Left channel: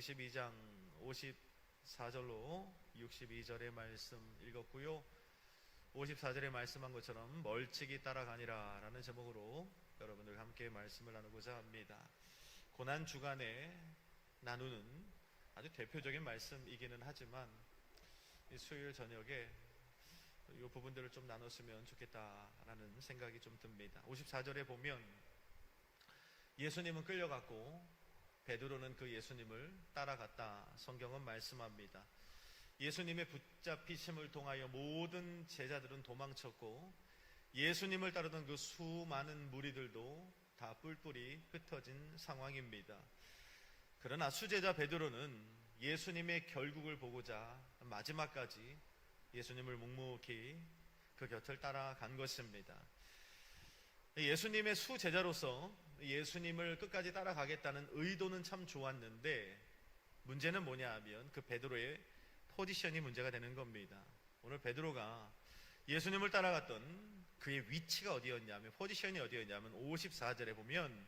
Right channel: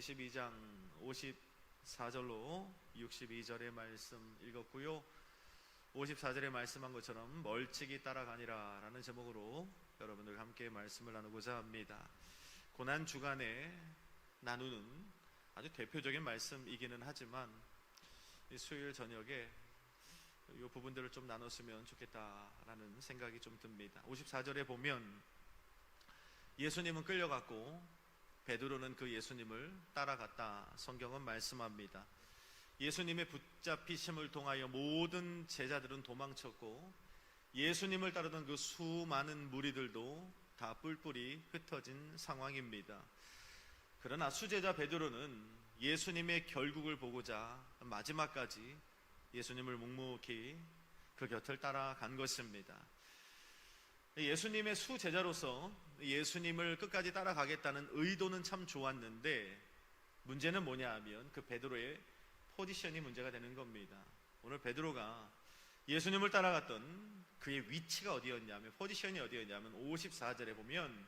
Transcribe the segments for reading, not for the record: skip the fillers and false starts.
22장 54절로 62절의 말씀 읽었고요. 54절에 말씀한 것처럼 멀찍이 따라가니라 라는 제목으로 여러분들 함께 말씀을 나누고자 합니다. 고난 주간에 나누는 아주 대표적인 말씀이기는 하지만 이 수요일 저녁에 이 부분들을 좀 나눴으면 좋겠다라는 생각이 좀 듭니다. 54절에 보면 예수님은 끌려갔고 베드로는 그 예수님을 따라갔다 성경은 말씀합니다. 예수님의 붙잡히심을 통하여 모든 제자들은 도망쳤고 예수님을 따르던 그 수많은 무리들도 다 뿔뿔이 흩어진 상황입니다. 그러나 수제자 베드로는 예수님의 결국을 보고자 마지막까지 예수님을 묵묵히 그 곁을 따라간 것입니다. 예수님의 수제자로서 예수님을 끝까지 따라가겠다는 의도는 참 좋았는데 문제는 뭐냐 하면 그 베드로의 포지션이 문제가 되는 겁니다. 오늘 베드로가 예수님을 따라갔던 그의 위치가 어디였냐면, 포지션이 어디였냐면 54절에 보면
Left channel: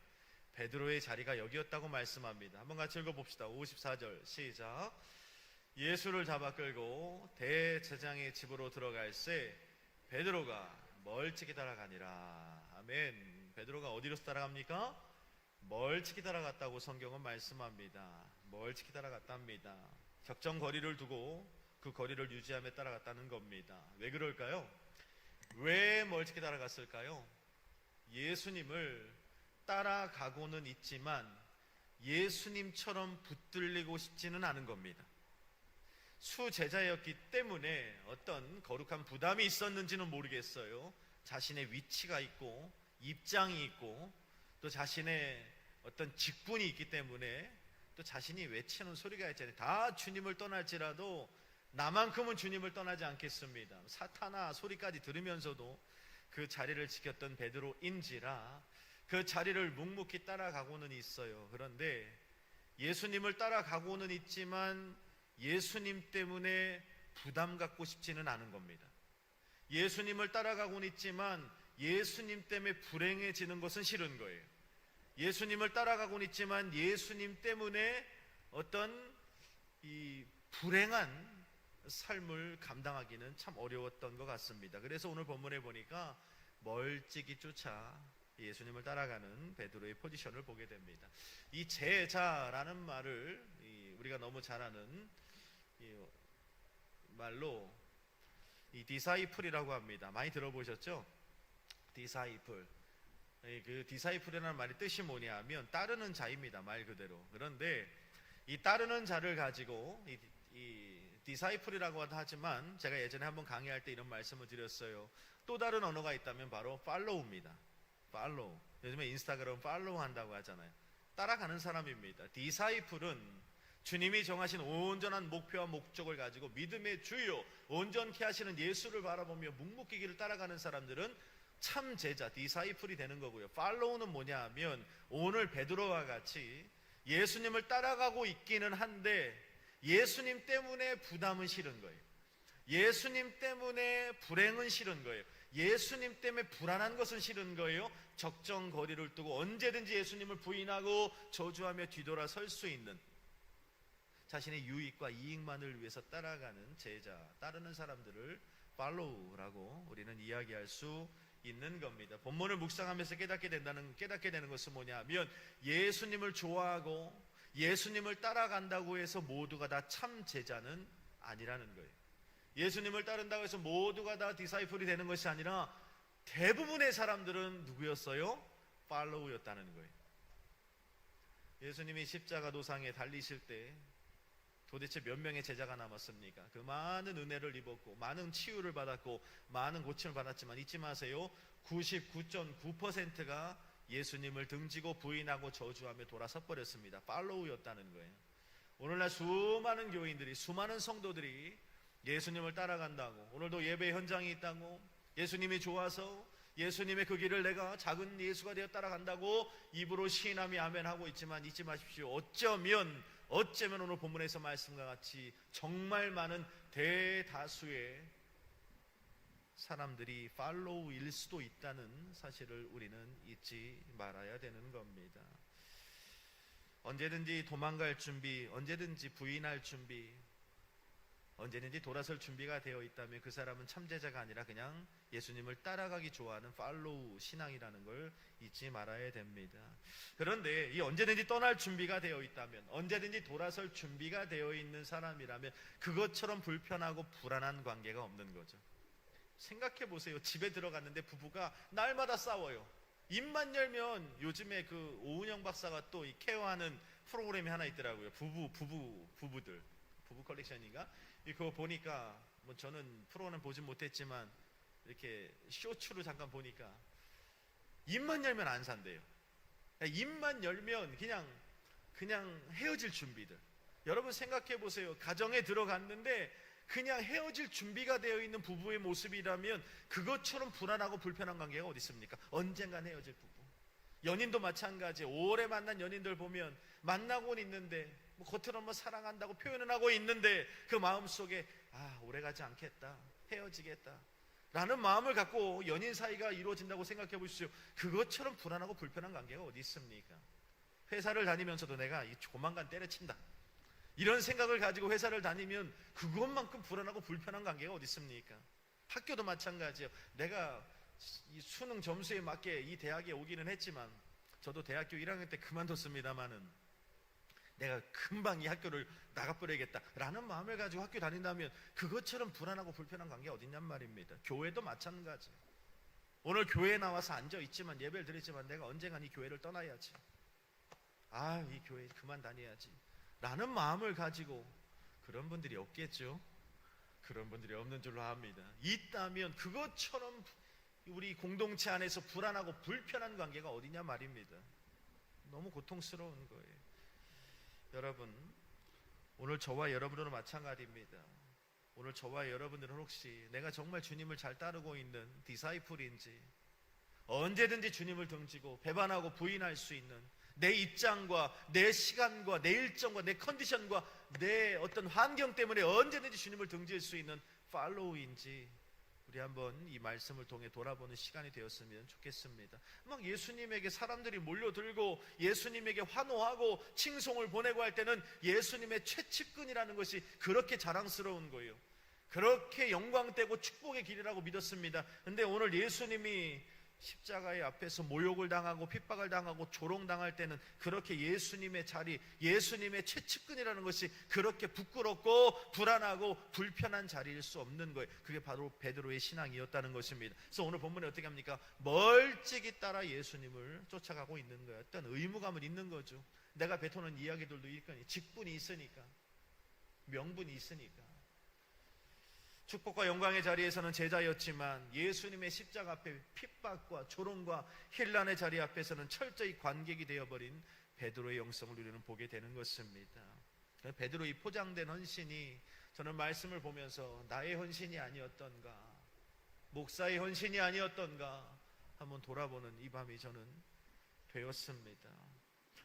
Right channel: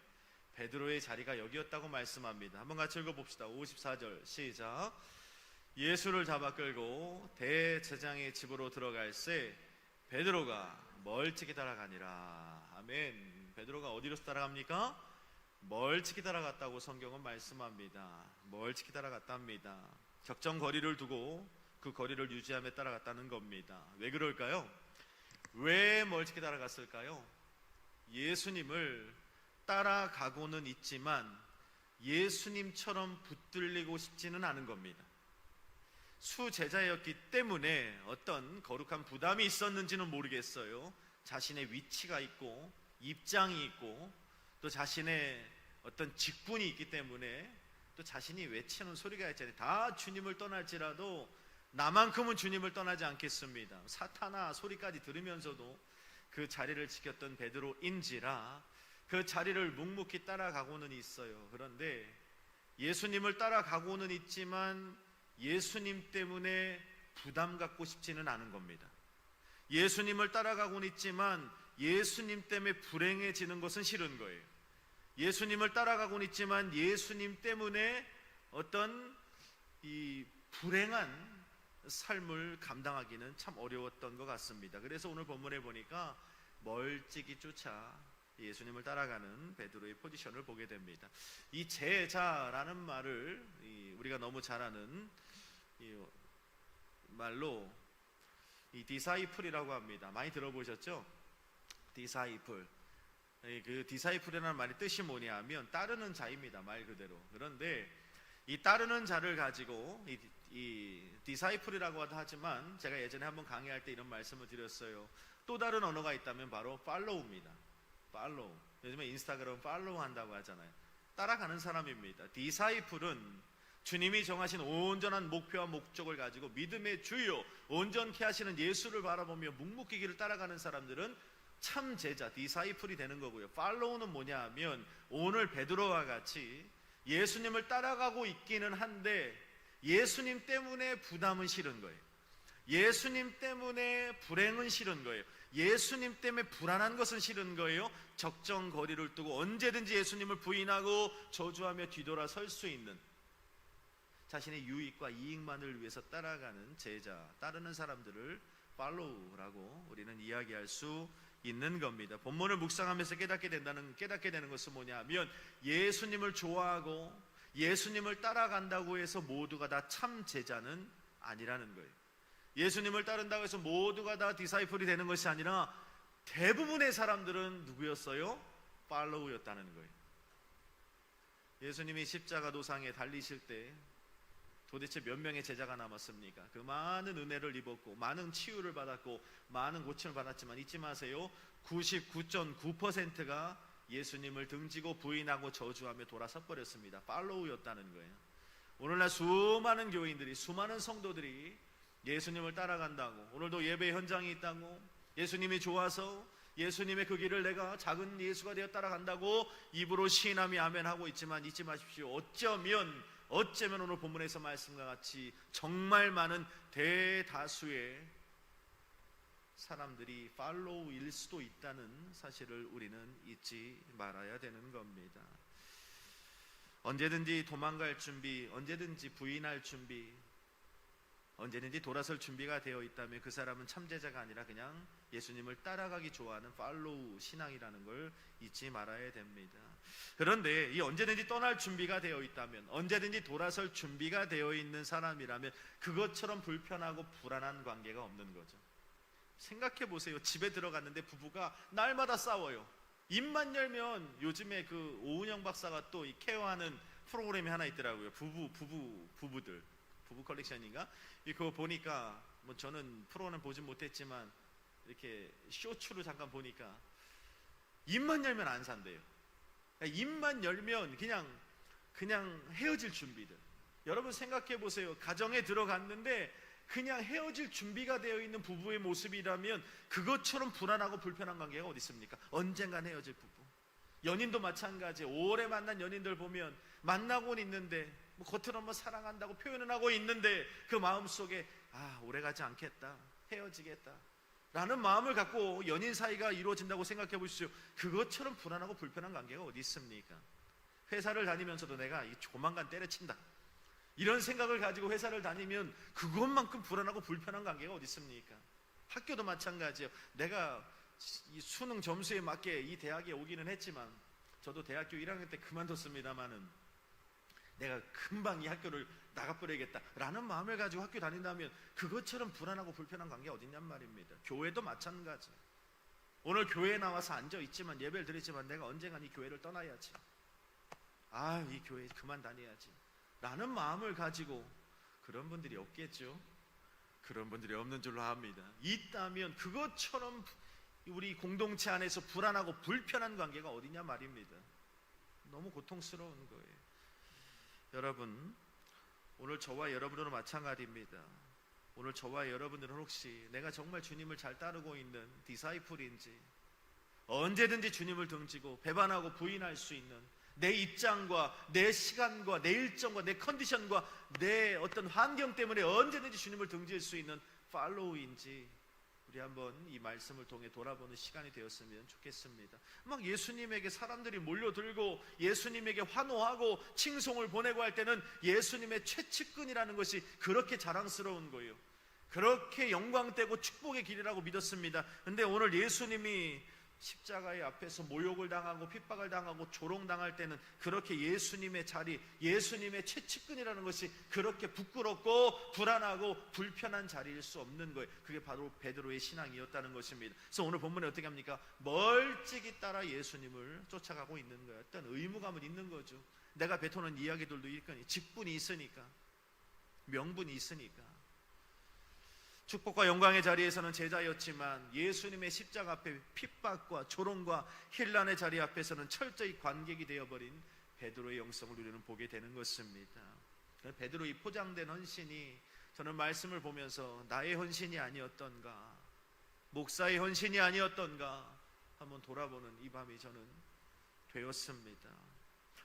베드로의 자리가 여기였다고 말씀합니다. 한번 같이 읽어봅시다. 54절 시작. 예수를 잡아 끌고 대제장의 집으로 들어갈새 베드로가 멀찍이 따라가니라. 아멘. 베드로가 어디로 따라갑니까? 멀찍이 따라갔다고 성경은 말씀합니다. 멀찍이 따라갔답니다. 적정 거리를 두고 그 거리를 유지하며 따라갔다는 겁니다. 왜 그럴까요? 왜 멀찍이 따라갔을까요? 예수님을 따라가고는 있지만 예수님처럼 붙들리고 싶지는 않은 겁니다. 수제자였기 때문에 어떤 거룩한 부담이 있었는지는 모르겠어요. 자신의 위치가 있고 입장이 있고 또 자신의 어떤 직분이 있기 때문에 또 자신이 외치는 소리가 있잖아요. 다 주님을 떠날지라도 나만큼은 주님을 떠나지 않겠습니다. 사탄아 소리까지 들으면서도 그 자리를 지켰던 베드로인지라 그 자리를 묵묵히 따라가고는 있어요. 그런데 예수님을 따라가고는 있지만 예수님 때문에 부담 갖고 싶지는 않은 겁니다. 예수님을 따라가고는 있지만 예수님 때문에 불행해지는 것은 싫은 거예요. 예수님을 따라가고는 있지만 예수님 때문에 어떤 이 불행한 삶을 감당하기는 참 어려웠던 것 같습니다. 그래서 오늘 본문에 보니까 멀찍이 쫓아 예수님을 따라가는 베드로의 포지션을 보게 됩니다. 이 제자라는 말을 우리가 너무 잘 아는 이 말로 이 디사이플이라고 합니다. 많이 들어보셨죠? 디사이플. 그 디사이플이라는 말의 뜻이 뭐냐 하면 따르는 자입니다. 말 그대로. 그런데 이 따르는 자를 가지고 이 디사이플이라고 하지만 제가 예전에 한번 강의할 때 이런 말씀을 드렸어요. 또 다른 언어가 있다면 바로 팔로우입니다. 팔로우. 요즘에 인스타그램 팔로우 한다고 하잖아요. 따라가는 사람입니다. 디사이플은 주님이 정하신 온전한 목표와 목적을 가지고 믿음의 주요 온전케 하시는 예수를 바라보며 묵묵히 길을 따라가는 사람들은 참 제자, 디사이플이 되는 거고요. 팔로우는 뭐냐 하면 오늘 베드로와 같이 예수님을 따라가고 있기는 한데 예수님 때문에 부담은 싫은 거예요. 예수님 때문에 불행은 싫은 거예요. 예수님 때문에 불안한 것은 싫은 거예요. 적정 거리를 두고 언제든지 예수님을 부인하고 저주하며 뒤돌아 설 수 있는 자신의 유익과 이익만을 위해서 따라가는 제자, 따르는 사람들을 팔로우라고 우리는 이야기할 수 있는 겁니다. 본문을 묵상하면서 깨닫게 되는 것은 뭐냐 하면 예수님을 좋아하고 예수님을 따라간다고 해서 모두가 다 참 제자는 아니라는 거예요. 예수님을 따른다고 해서 모두가 다 디사이플이 되는 것이 아니라 대부분의 사람들은 누구였어요? 팔로우였다는 거예요. 예수님이 십자가 도상에 달리실 때 도대체 몇 명의 제자가 남았습니까? 그 많은 은혜를 입었고 많은 치유를 받았고 많은 고침을 받았지만 잊지 마세요. 99.9%가 예수님을 등지고 부인하고 저주하며 돌아서 버렸습니다. 팔로우였다는 거예요. 오늘날 수많은 교인들이, 수많은 성도들이 예수님을 따라간다고, 오늘도 예배 현장에 있다고, 예수님이 좋아서 예수님의 그 길을 내가 작은 예수가 되어 따라간다고 입으로 시인하며 아멘하고 있지만 잊지 마십시오. 어쩌면 오늘 본문에서 말씀과 같이 정말 많은 대다수의 사람들이 팔로우일 수도 있다는 사실을 우리는 잊지 말아야 되는 겁니다. 언제든지 도망갈 준비, 언제든지 부인할 준비, 언제든지 돌아설 준비가 되어 있다면 그 사람은 참제자가 아니라 그냥 예수님을 따라가기 좋아하는 팔로우 신앙이라는 걸 잊지 말아야 됩니다. 그런데 이 언제든지 떠날 준비가 되어 있다면, 언제든지 돌아설 준비가 되어 있는 사람이라면 그것처럼 불편하고 불안한 관계가 없는 거죠. 생각해 보세요. 집에 들어갔는데 부부가 날마다 싸워요. 입만 열면 요즘에 그 오은영 박사가 또 이 케어하는 프로그램이 하나 있더라고요. 부부들 부부 컬렉션인가? 그거 보니까 뭐 저는 프로는 보지 못했지만 이렇게 쇼츠로 잠깐 보니까 입만 열면 안 산대요. 그러니까 입만 열면 그냥 헤어질 준비들. 여러분 생각해 보세요. 가정에 들어갔는데 그냥 헤어질 준비가 되어 있는 부부의 모습이라면 그것처럼 불안하고 불편한 관계가 어디 있습니까? 언젠간 헤어질 부부. 연인도 마찬가지. 오래 만난 연인들 보면 만나고는 있는데 뭐 겉으로는 뭐 사랑한다고 표현은 하고 있는데 그 마음속에 오래가지 않겠다, 헤어지겠다 라는 마음을 갖고 연인 사이가 이루어진다고 생각해 보십시오. 그것처럼 불안하고 불편한 관계가 어디 있습니까? 회사를 다니면서도 내가 조만간 때려친다 이런 생각을 가지고 회사를 다니면 그것만큼 불안하고 불편한 관계가 어디 있습니까? 학교도 마찬가지예요. 내가 이 수능 점수에 맞게 이 대학에 오기는 했지만 저도 대학교 1학년 때 그만뒀습니다마는 내가 금방 이 학교를 나가버려야겠다라는 마음을 가지고 학교 다닌다면 그것처럼 불안하고 불편한 관계 어딨냔 말입니다. 교회도 마찬가지. 오늘 교회에 나와서 앉아있지만 예배를 드리지만 내가 언젠간 이 교회를 떠나야지. 이 교회 그만 다녀야지 라는 마음을 가지고 그런 분들이 없겠죠. 그런 분들이 없는 줄로 압니다. 있다면 그것처럼 우리 공동체 안에서 불안하고 불편한 관계가 어디냐 말입니다. 너무 고통스러운 거예요. 여러분, 오늘 저와 여러분들은 마찬가지입니다. 오늘 저와 여러분들은 혹시 내가 정말 주님을 잘 따르고 있는 디사이플인지, 언제든지 주님을 등지고 배반하고 부인할 수 있는 내 입장과 내 시간과 내 일정과 내 컨디션과 내 어떤 환경 때문에 언제든지 주님을 등질 수 있는 팔로우인지 우리 한번 이 말씀을 통해 돌아보는 시간이 되었으면 좋겠습니다. 막 예수님에게 사람들이 몰려들고 예수님에게 환호하고 칭송을 보내고 할 때는 예수님의 최측근이라는 것이 그렇게 자랑스러운 거예요. 그렇게 영광되고 축복의 길이라고 믿었습니다. 근데 오늘 예수님이 십자가의 앞에서 모욕을 당하고 핍박을 당하고 조롱당할 때는 그렇게 예수님의 자리, 예수님의 최측근이라는 것이 그렇게 부끄럽고 불안하고 불편한 자리일 수 없는 거예요. 그게 바로 베드로의 신앙이었다는 것입니다. 그래서 오늘 본문에 어떻게 합니까? 멀찍이 따라 예수님을 쫓아가고 있는 거예요. 어떤 의무감은 있는 거죠. 내가 뱉어놓은 이야기들도 있거니 직분이 있으니까, 명분이 있으니까. 축복과 영광의 자리에서는 제자였지만 예수님의 십자가 앞에 핍박과 조롱과 힐난의 자리 앞에서는 철저히 관객이 되어버린 베드로의 영성을 우리는 보게 되는 것입니다. 베드로의 포장된 헌신이 저는 말씀을 보면서 나의 헌신이 아니었던가, 목사의 헌신이 아니었던가 한번 돌아보는 이 밤이 저는 되었습니다.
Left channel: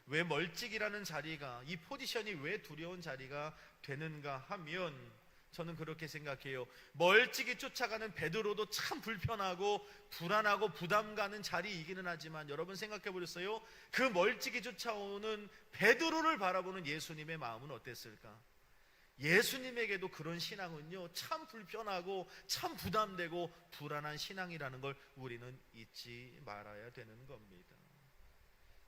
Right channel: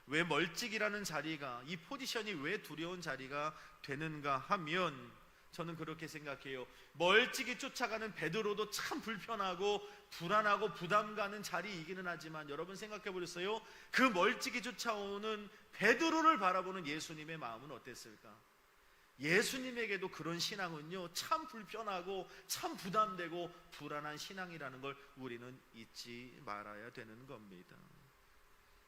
왜 멀찍이라는 자리가, 이 포지션이 왜 두려운 자리가 되는가 하면 저는 그렇게 생각해요. 멀찍이 쫓아가는 베드로도 참 불편하고 불안하고 부담 가는 자리이기는 하지만 여러분 생각해 보셨어요? 그 멀찍이 쫓아오는 베드로를 바라보는 예수님의 마음은 어땠을까? 예수님에게도 그런 신앙은요, 참 불편하고 참 부담되고 불안한 신앙이라는 걸 우리는 잊지 말아야 되는 겁니다.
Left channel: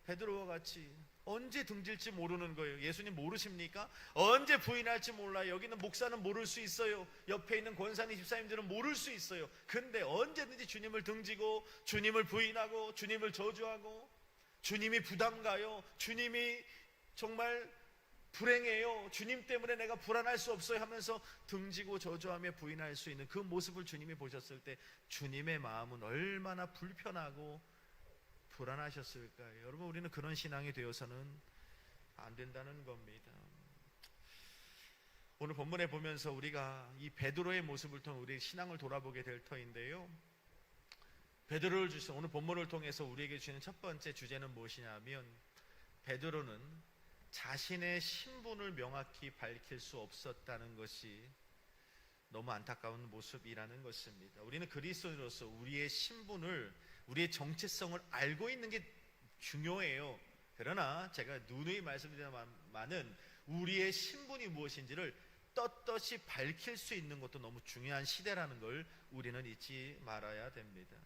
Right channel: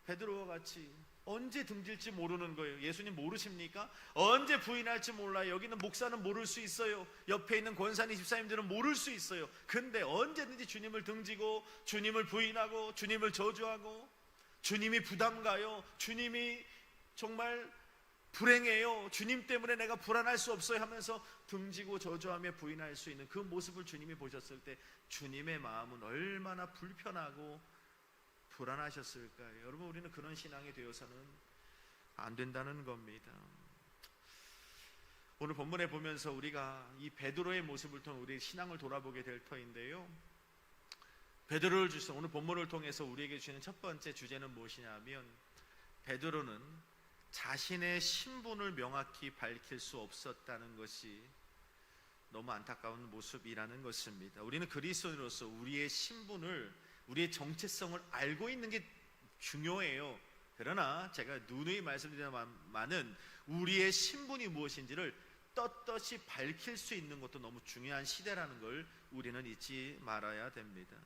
베드로와 같이 언제 등질지 모르는 거예요. 예수님 모르십니까? 언제 부인할지 몰라요. 여기는 목사는 모를 수 있어요. 옆에 있는 권사님 집사님들은 모를 수 있어요. 근데 언제든지 주님을 등지고 주님을 부인하고 주님을 저주하고 주님이 부담가요, 주님이 정말 불행해요, 주님 때문에 내가 불안할 수 없어요 하면서 등지고 저주하며 부인할 수 있는 그 모습을 주님이 보셨을 때 주님의 마음은 얼마나 불편하고 불안하셨을까요? 여러분, 우리는 그런 신앙이 되어서는 안 된다는 겁니다. 오늘 본문에 보면서 우리가 이 베드로의 모습을 통해 우리의 신앙을 돌아보게 될 터인데요, 베드로를 주신 오늘 본문을 통해서 우리에게 주는 첫 번째 주제는 무엇이냐면 베드로는 자신의 신분을 명확히 밝힐 수 없었다는 것이 너무 안타까운 모습이라는 것입니다. 우리는 그리스도인으로서 우리의 신분을, 우리의 정체성을 알고 있는 게 중요해요. 그러나 제가 누누이 말씀드리지만은 우리의 신분이 무엇인지를 떳떳이 밝힐 수 있는 것도 너무 중요한 시대라는 걸 우리는 잊지 말아야 됩니다.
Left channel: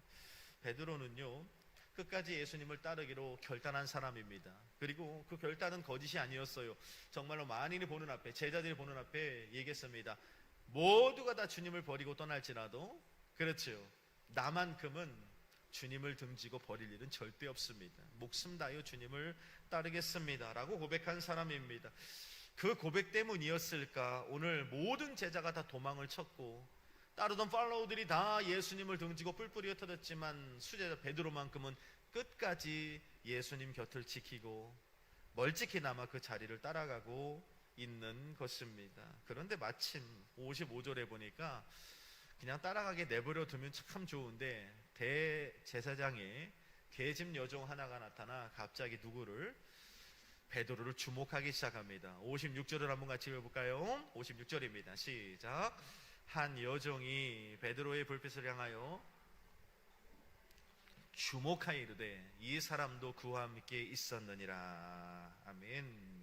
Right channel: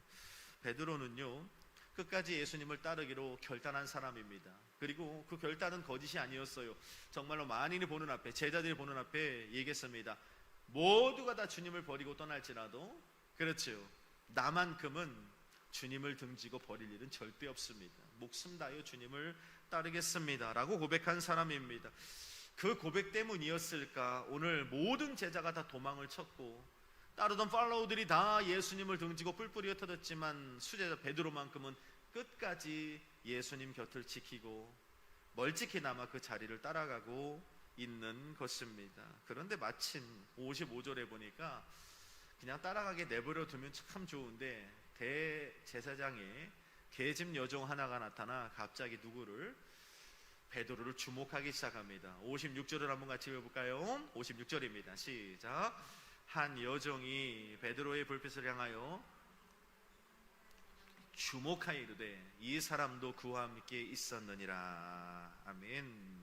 베드로는요, 끝까지 예수님을 따르기로 결단한 사람입니다. 그리고 그 결단은 거짓이 아니었어요. 정말로 만인이 보는 앞에, 제자들이 보는 앞에 얘기했습니다. 모두가 다 주님을 버리고 떠날지라도, 그렇죠, 나만큼은 주님을 등지고 버릴 일은 절대 없습니다. 목숨 다하여 주님을 따르겠습니다 라고 고백한 사람입니다. 그 고백 때문이었을까 오늘 모든 제자가 다 도망을 쳤고 따르던 팔로우들이 다 예수님을 등지고 뿔뿔이 흩어졌지만 수제자 베드로만큼은 끝까지 예수님 곁을 지키고 멀찍이나마 그 자리를 따라가고 있는 것입니다. 그런데 마침 55절에 보니까 그냥 따라가게 내버려 두면 참 좋은데 대제사장의 계집 여종 하나가 나타나 갑자기 누구를? 베드로를 주목하기 시작합니다. 56절을 한번 같이 읽어볼까요? 56절입니다. 시작. 한 여종이 베드로의 불빛을 향하여 주목하여 이르되 이 사람도 그와 함께 있었느니라. 아멘.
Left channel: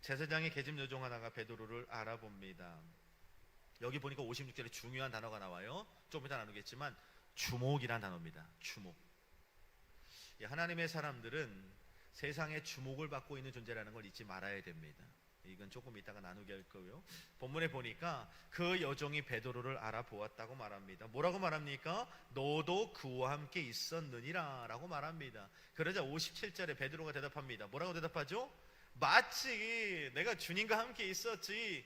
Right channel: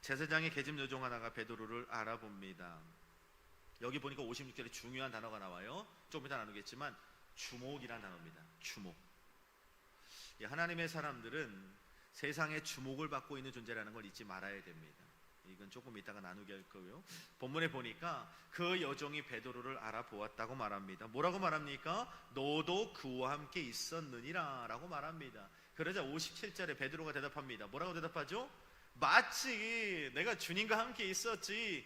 제사장의 계집 여종 하나가 베드로를 알아봅니다. 여기 보니까 56절에 중요한 단어가 나와요. 좀 이따 나누겠지만 주목이란 단어입니다. 주목. 하나님의 사람들은 세상에 주목을 받고 있는 존재라는 걸 잊지 말아야 됩니다. 이건 조금 이따가 나누게 할 거고요. 본문에 보니까 그 여종이 베드로를 알아보았다고 말합니다. 뭐라고 말합니까? 너도 그와 함께 있었느니라 라고 말합니다. 그러자 57절에 베드로가 대답합니다. 뭐라고 대답하죠? 마치 내가 주님과 함께 있었지,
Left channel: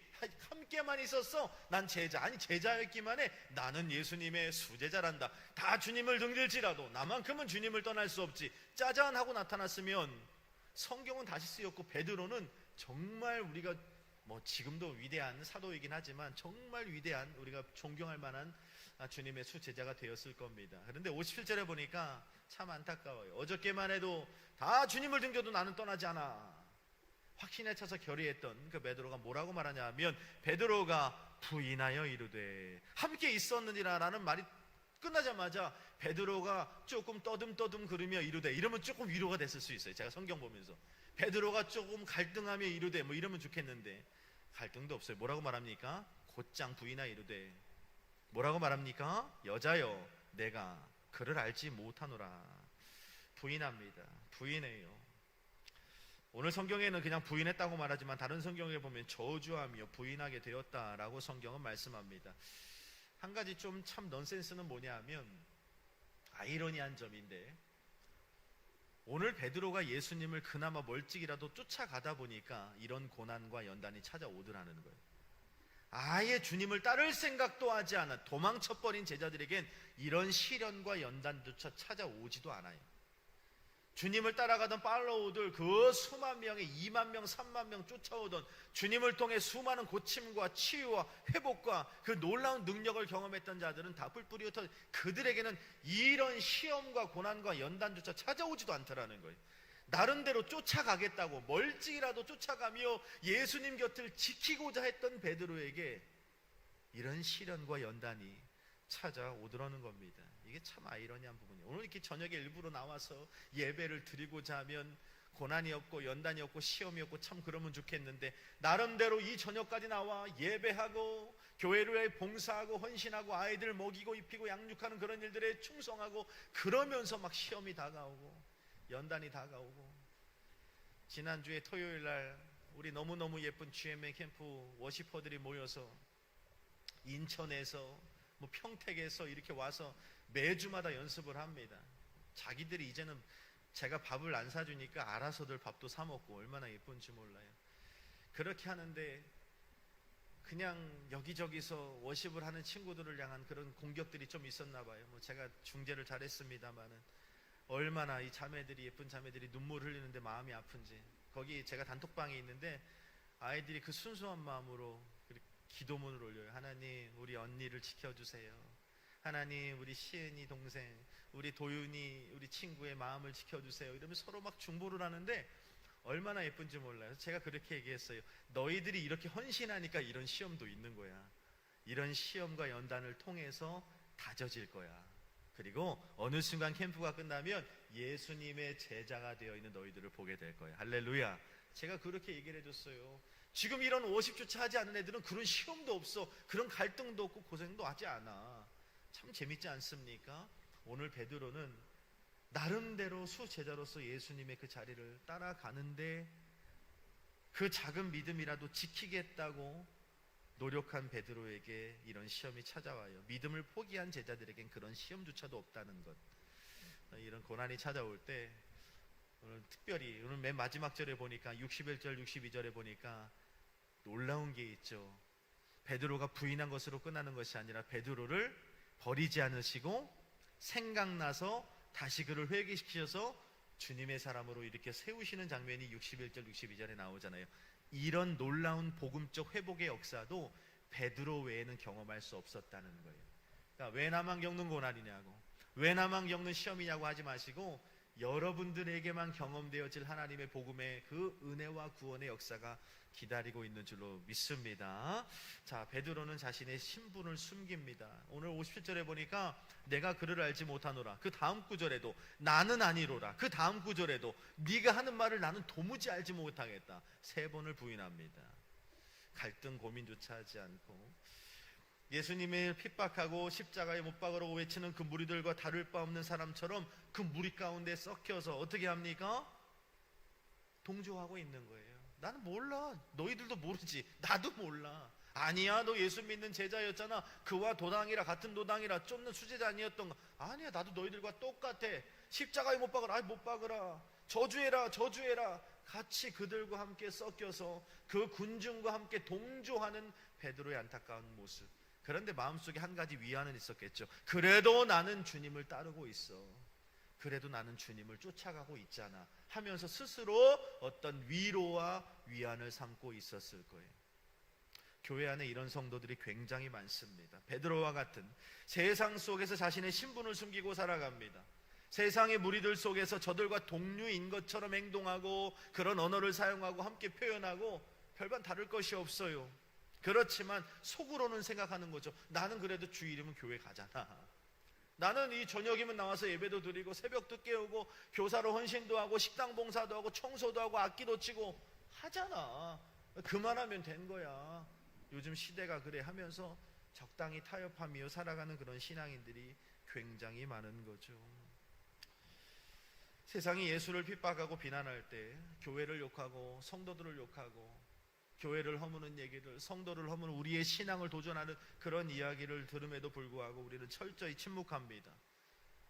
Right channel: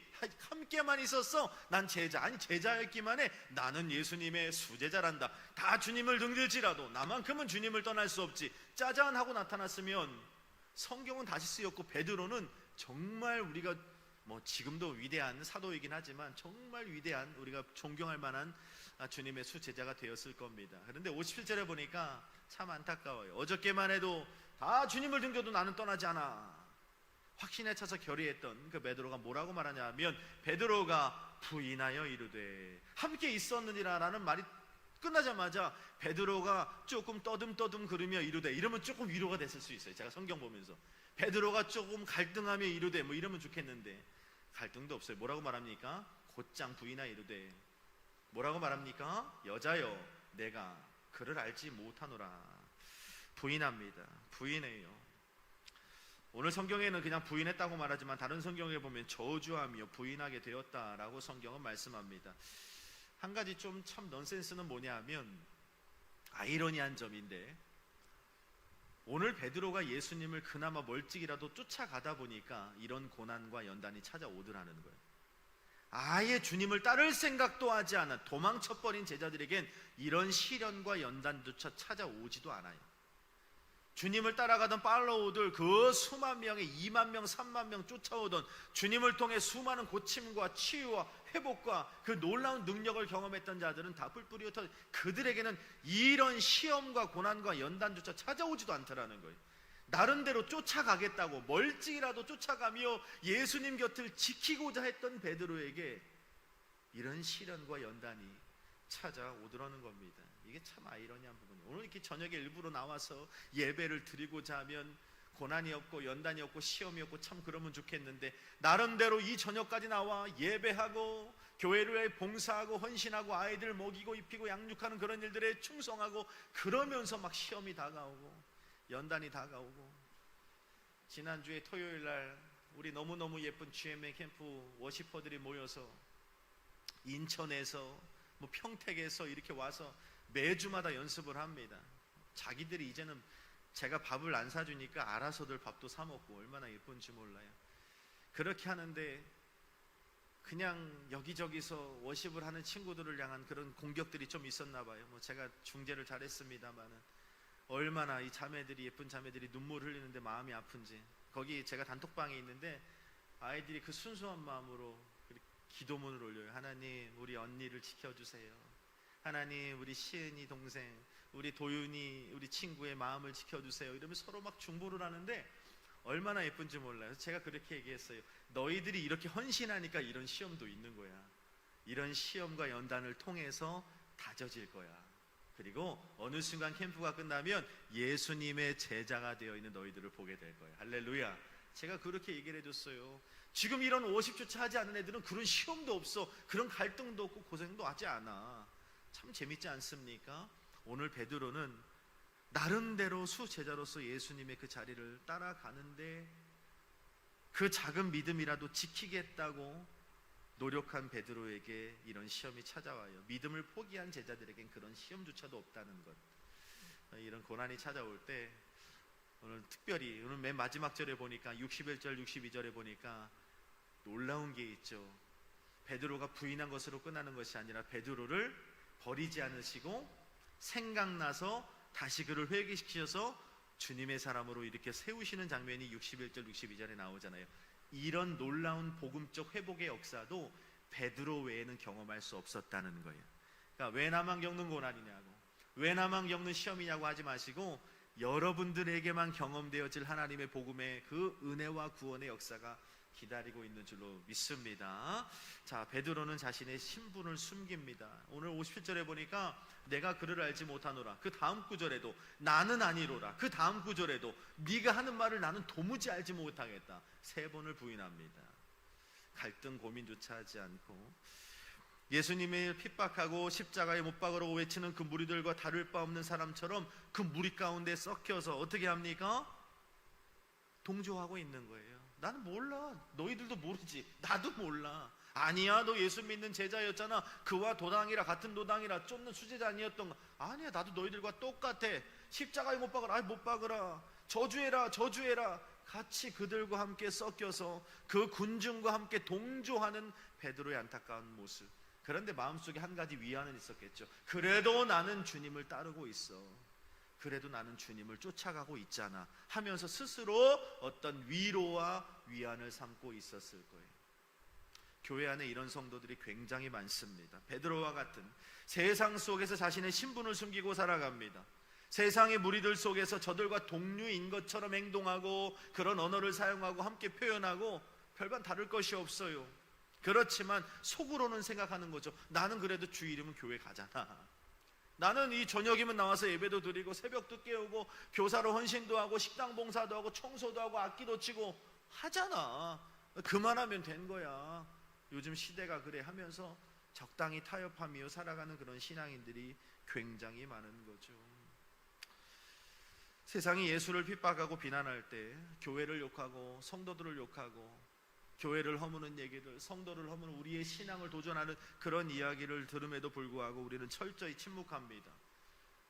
함께만 있었어. 난 제자, 아니 제자였기만 해. 나는 예수님의 수제자란다. 다 주님을 등질지라도 나만큼은 주님을 떠날 수 없지. 짜잔 하고 나타났으면 성경은 다시 쓰였고 베드로는 정말 우리가 지금도 위대한 사도이긴 하지만 정말 위대한, 우리가 존경할 만한 주님의 수제자가 되었을 겁니다. 그런데 57절에 보니까 참 안타까워요. 어저께만 해도 다 주님을 등져도 나는 떠나지 않아. 확신에 차서 결의했던 그 베드로가 뭐라고 말하냐 하면 베드로가 부인하여 이르되 함께 있었느니라 라는 말이 끝나자마자 베드로가 조금 떠듬떠듬 그러며 이르되, 이러면 조금 위로가 됐을 수 있어요. 제가 성경 보면서 베드로가 조금 갈등하며 이르되 이러면 좋겠는데 갈등도 없어요. 뭐라고 말합니까? 곧장 부인하여 이르되 뭐라고 말합니까? 여자여 내가 그를 알지 못하노라. 부인합니다. 부인해요. 오늘 성경에는 그냥 부인했다고 말하지만 다른 성경에 보면 저주하며 부인하게 되었다라고 성경은 말씀합니다. 한 가지 좀 참 넌센스는 뭐냐 하면 아이러니한 점인데, 오늘 베드로가 예수님을 그나마 멀찍이라도 쫓아가다 보니까 이런 고난과 연단이 찾아오더라는 거예요. 아예 주님을 따를 생각도 하지 않아 도망쳐버린 제자들에겐 이런 시련과 연단조차 찾아오지도 않아요. 주님을 따라가던 팔로우들 그 수만 명의 2만 명, 3만 명 쫓아오던, 주님을 통해 수많은 고침과 치유와 회복과 그 놀라운 능력을 경험했던 자들은 다 뿔뿔이 흩어 그들에게는 이런 시험과 고난과 연단조차 찾아오지도 않더라는 거예요. 나름대로 쫓아가겠다고 멀찍이라도 쫓아가며 예수님 곁을 지키고자 했던 베드로에게 이런 시련과 연단이 찾아오더라는 겁니다. 이게 참 아이러니한 부분이에요. 오늘 이렇게 저녁에 일부러 나와서 예배를 드리고자 하면 고난이 없고 연단이 없고 시험이 없고 참 그러면 좋겠는데, 나름대로 이 저녁까지 나와 예배하고 교회를 봉사하고 헌신하고 아이들 먹이고 입히고 양육하는 그런 일들에 충성하고 그러면서 막 시험이 다가오고 연단이 다가오고. 지난주에 토요일날 우리 너무너무 예쁜 GMA 캠프 워시퍼들이 모여서 인천에서 평택에서 이렇게 와서 매주마다 연습을 합니다. 자기들이 이제는 제가 밥을 안 사주니까 알아서들 밥도 사 먹고 얼마나 예쁜지 몰라요. 그렇게 하는데 그냥 여기저기서 워십을 하는 친구들을 향한 그런 공격들이 좀 있었나 봐요. 제가 중재를 잘했습니다만은 얼마나 이 자매들이, 예쁜 자매들이 눈물 흘리는데 마음이 아픈지. 거기 제가 단톡방에 있는데 아이들이 그 순수한 마음으로 기도문을 올려요. 하나님 우리 언니를 지켜주세요. 하나님 우리 시은이 동생, 우리 도윤이 우리 친구의 마음을 지켜주세요. 이러면서 서로 막 중보를 하는데 얼마나 예쁜지 몰라요. 제가 그렇게 얘기했어요. 너희들이 이렇게 헌신하니까 이런 시험도 있는 거야. 이런 시험과 연단을 통해서 다져질 거야. 그리고 어느 순간 캠프가 끝나면 예수님의 제자가 되어 있는 너희들을 보게 될 거예요. 할렐루야. 제가 그렇게 얘기를 해줬어요. 지금 이런 50주차 하지 않는 애들은 그런 시험도 없어, 그런 갈등도 없고 고생도 하지 않아. 참 재밌지 않습니까? 오늘 베드로는 나름대로 수제자로서 예수님의 그 자리를 따라가는데 그 작은 믿음이라도 지키겠다고 노력한 베드로에게 이런 시험이 찾아와요. 믿음을 포기한 제자들에겐 그런 시험조차도 없다는 것. 이런 고난이 찾아올 때 오늘 특별히 오늘 맨 마지막 절에 보니까 61절 62절에 보니까 놀라운 게 있죠. 베드로가 부인한 것으로 끝나는 것이 아니라 베드로를 버리지 않으시고 생각나서 다시 그를 회개시키셔서 주님의 사람으로 이렇게 세우시는 장면이 61절 62절에 나오잖아요. 이런 놀라운 복음적 회복의 역사도 베드로 외에는 경험할 수 없었다는 거예요. 그러니까 왜 나만 겪는 고난이냐고, 왜 나만 겪는 시험이냐고 하지 마시고 여러분들에게만 경험되어질 하나님의 복음의 그 은혜와 구원의 역사가 기다리고 있는 줄로 믿습니다. 자, 베드로는 자신의 신분을 숨깁니다. 오늘 57절에 보니까 내가 그를 알지 못하노라. 그 다음 구절에도 나는 아니로라. 그 다음 구절에도 네가 하는 말을 나는 도무지 알지 못하겠다. 3번을 부인합니다. 갈등 고민조차 하지 않고 예수님을 핍박하고 십자가에 못 박으러 외치는 그 무리들과 다를 바 없는 사람처럼 그 무리 가운데 섞여서 어떻게 합니까? 동조하고 있는 거예요. 나는 몰라. 너희들도 모르지. 나도 몰라. 아니야, 너 예수 믿는 제자였잖아. 그와 도당이라, 같은 도당이라, 쫓는 수제자 아니었던 거. 아니야, 나도 너희들과 똑같아. 십자가에 못 박으라. 못 박으라. 저주해라. 저주해라. 같이 그들과 함께 섞여서 그 군중과 함께 동조하는 베드로의 안타까운 모습. 그런데 마음속에 한 가지 위안은 있었겠죠. 그래도 나는 주님을 따르고 있어. 그래도 나는 주님을 쫓아가고 있잖아 하면서 스스로 어떤 위로와 위안을 삼고 있었을 거예요. 교회 안에 이런 성도들이 굉장히 많습니다. 베드로와 같은 세상 속에서 자신의 신분을 숨기고 살아갑니다. 세상의 무리들 속에서 저들과 동류인 것처럼 행동하고 그런 언어를 사용하고 함께 표현하고 별반 다를 것이 없어요. 그렇지만 속으로는 생각하는 거죠. 나는 그래도 주 이름 교회 가잖아. 나는 이 저녁이면 나와서 예배도 드리고 새벽도 깨우고 교사로 헌신도 하고 식당 봉사도 하고 청소도 하고 악기도 치고 하잖아. 그만하면 된 거야. 요즘 시대가 그래 하면서 적당히 타협하며 살아가는 그런 신앙인들이 굉장히 많은 거죠. 세상이 예수를 핍박하고 비난할 때 교회를 욕하고 성도들을 욕하고 교회를 허무는 얘기들, 성도를 허무는 우리의 신앙을 도전하는 그런 이야기를 들음에도 불구하고 우리는 철저히 침묵합니다.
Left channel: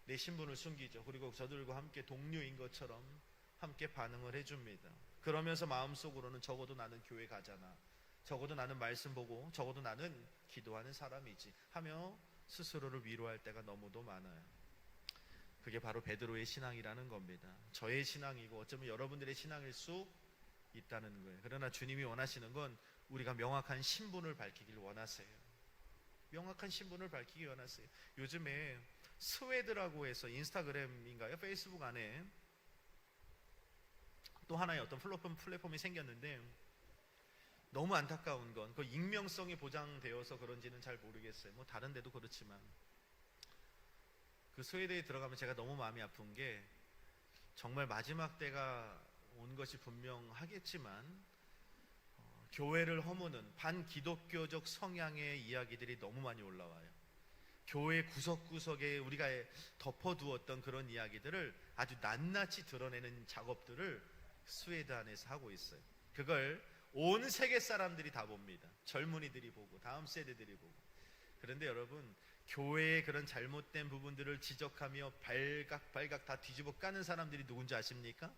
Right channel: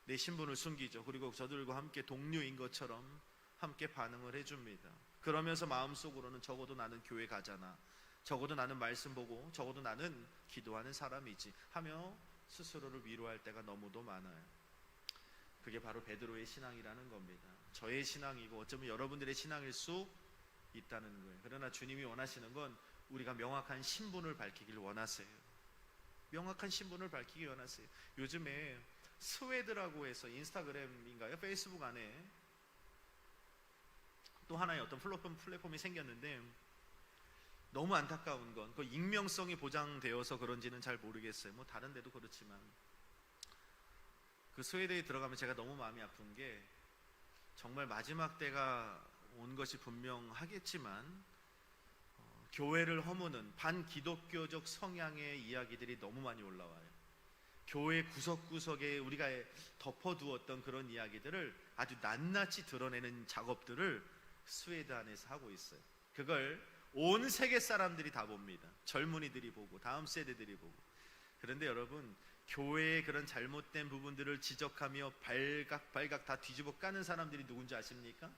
내 신분을 숨기죠. 그리고 저들과 함께 동료인 것처럼 함께 반응을 해줍니다. 그러면서 마음속으로는 적어도 나는 교회 가잖아. 적어도 나는 말씀 보고 적어도 나는 기도하는 사람이지 하며 스스로를 위로할 때가 너무도 많아요. 그게 바로 베드로의 신앙이라는 겁니다. 저의 신앙이고 어쩌면 여러분들의 신앙일 수 있다는 거예요. 그러나 주님이 원하시는 건 우리가 명확한 신분을 밝히길 원하세요. 명확한 신분을 밝히기 원하세요. 요즘에 스웨드라고 해서 인스타그램인가요? 페이스북 안에 또 하나의 어떤 플랫폼이 생겼는데 너무 안타까운 건 그 익명성이 보장되어서 그런지는 잘 모르겠어요. 뭐 다른 데도 그렇지만 그 스웨드에 들어가면 제가 너무 마음이 아픈 게 정말 마지막 때가 온 것이 분명하겠지만 교회를 허무는 반기독교적 성향의 이야기들이 너무 많이 올라와요. 교회 구석구석에 우리가 덮어두었던 그런 이야기들을 아주 낱낱이 드러내는 작업들을 스웨드 안에서 하고 있어요. 그걸 온 세계 사람들이 다 봅니다. 젊은이들이 보고 다음 세대들이 보고. 그런데 여러분, 교회의 그런 잘못된 부분들을 지적하며 발각 다 뒤집어 까는 사람들이 누군지 아십니까?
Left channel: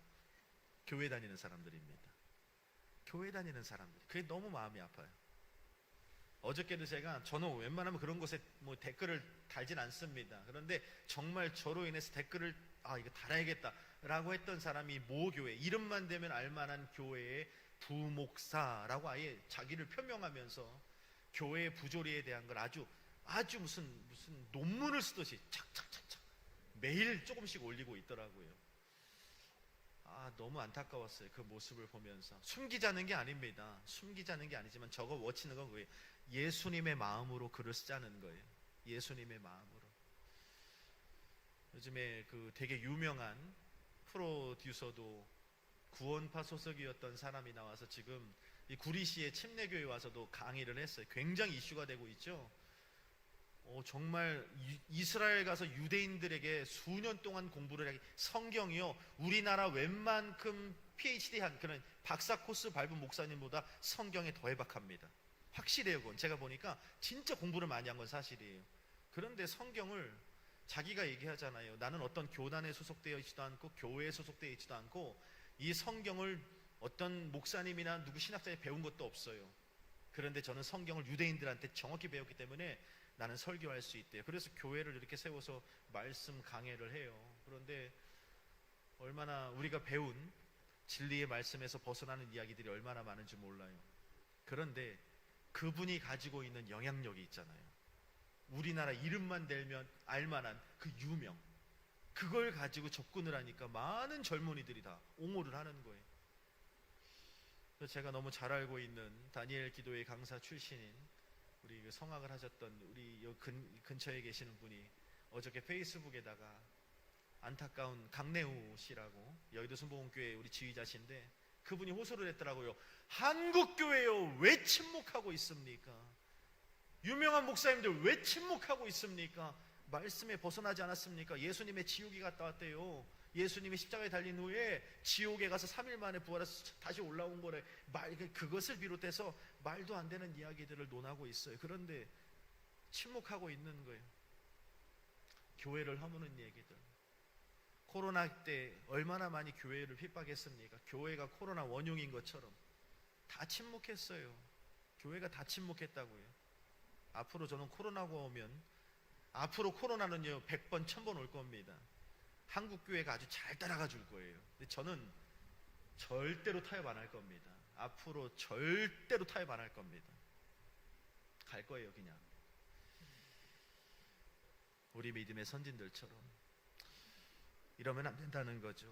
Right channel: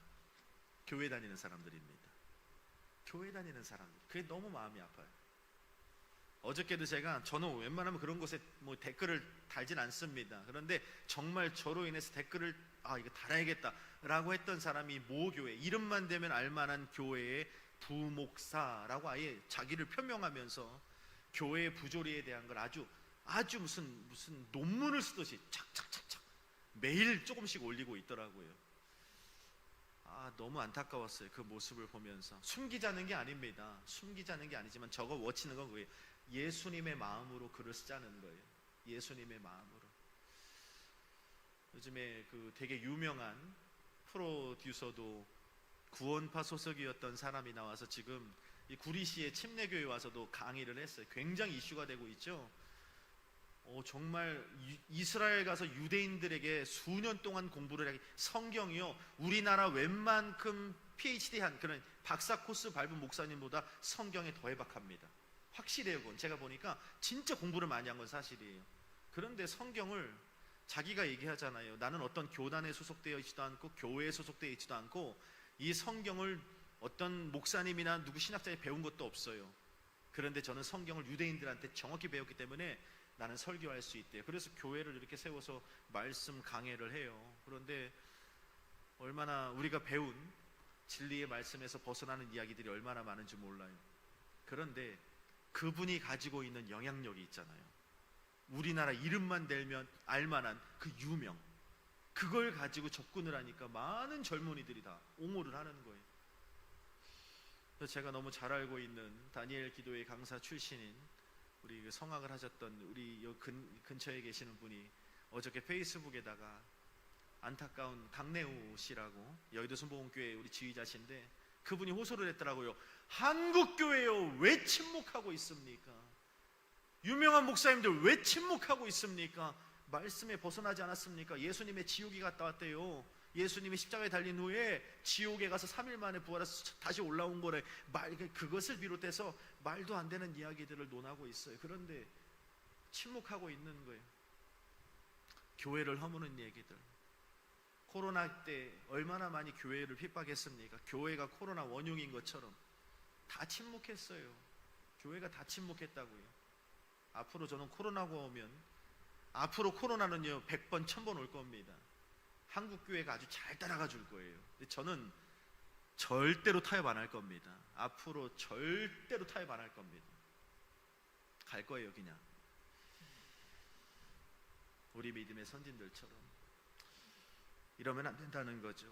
교회 다니는 사람들입니다. 교회 다니는 사람들. 그게 너무 마음이 아파요. 어저께도 저는 웬만하면 그런 곳에 뭐 댓글을 달진 않습니다. 그런데 정말 저로 인해서 댓글을 이거 달아야겠다 라고 했던 사람이 모 교회, 이름만 대면 알만한 교회의 부목사라고 아예 자기를 표명하면서 교회의 부조리에 대한 걸 아주 무슨 논문을 쓰듯이 착착착착 매일 조금씩 올리고 있더라고요. 너무 안타까웠어요. 그 모습을 보면서. 숨기자는 게 아닙니다. 숨기자는 게 아니지만 저거 워치는 건 그거예요. 예수님의 마음으로 글을 쓰자는 거예요. 예수님의 마음으로. 요즘에 그 되게 유명한 프로듀서도 구원파 소속이었던 사람이 나와서 지금 이 구리시의 침례교회 와서도 강의를 했어요. 굉장히 이슈가 되고 있죠. 정말 이스라엘 가서 유대인들에게 수년 동안 공부를 하기, 성경이요 우리나라 웬만큼 PhD한 그런 박사 코스 밟은 목사님보다 성경에 더 해박합니다. 확실해요. 그건 제가 보니까 진짜 공부를 많이 한 건 사실이에요. 그런데 성경을 자기가 얘기하잖아요. 나는 어떤 교단에 소속되어 있지도 않고 교회에 소속되어 있지도 않고 이 성경을 어떤 목사님이나 누구 신학자에 배운 것도 없어요. 그런데 저는 성경을 유대인들한테 정확히 배웠기 때문에 나는 설교할 수 있대요. 그래서 교회를 이렇게 세워서 말씀 강해를 해요. 그런데 얼마나 우리가 배운 진리의 말씀에서 벗어나는 이야기들이 얼마나 많은지 몰라요. 그런데 그분이 가지고 있는 영향력이 있잖아요. 우리나라 이름만 대면 알만한 그 유명, 그걸 가지고 접근을 하니까 많은 젊은이들이 다 옹호를 하는 거예요. 그래서 제가 너무 잘 알고 있는 다니엘 기도회 강사 출신인 우리 성악을 하셨던 우리 근처에 계시는 분이 어저께 페이스북에다가 안타까운 강내우 씨라고 여의도 순복음교회 우리 지휘자신데 그분이 호소를 했더라고요. 한국교회요 왜 침묵하고 있습니까? 유명한 목사님들 왜 침묵하고 있습니까? 말씀에 벗어나지 않았습니까? 예수님의 지옥에 갔다 왔대요. 예수님이 십자가에 달린 후에 지옥에 가서 3일 만에 부활해서 다시 올라온 거래. 그것을 비롯해서 말도 안 되는 이야기들을 논하고 있어요. 그런데 침묵하고 있는 거예요. 교회를 허무는 얘기들. 코로나 때 얼마나 많이 교회를 핍박했습니까? 교회가 코로나 원흉인 것처럼 다 침묵했어요. 교회가 다 침묵했다고요. 앞으로 저는 코로나가 오면 앞으로 코로나는요 100번 1000번 올 겁니다. 한국 교회가 아주 잘 따라가 줄 거예요. 근데 저는 절대로 타협 안 할 겁니다. 앞으로 절대로 타협 안 할 겁니다. 갈 거예요 그냥. 우리 믿음의 선진들처럼. 이러면 안 된다는 거죠.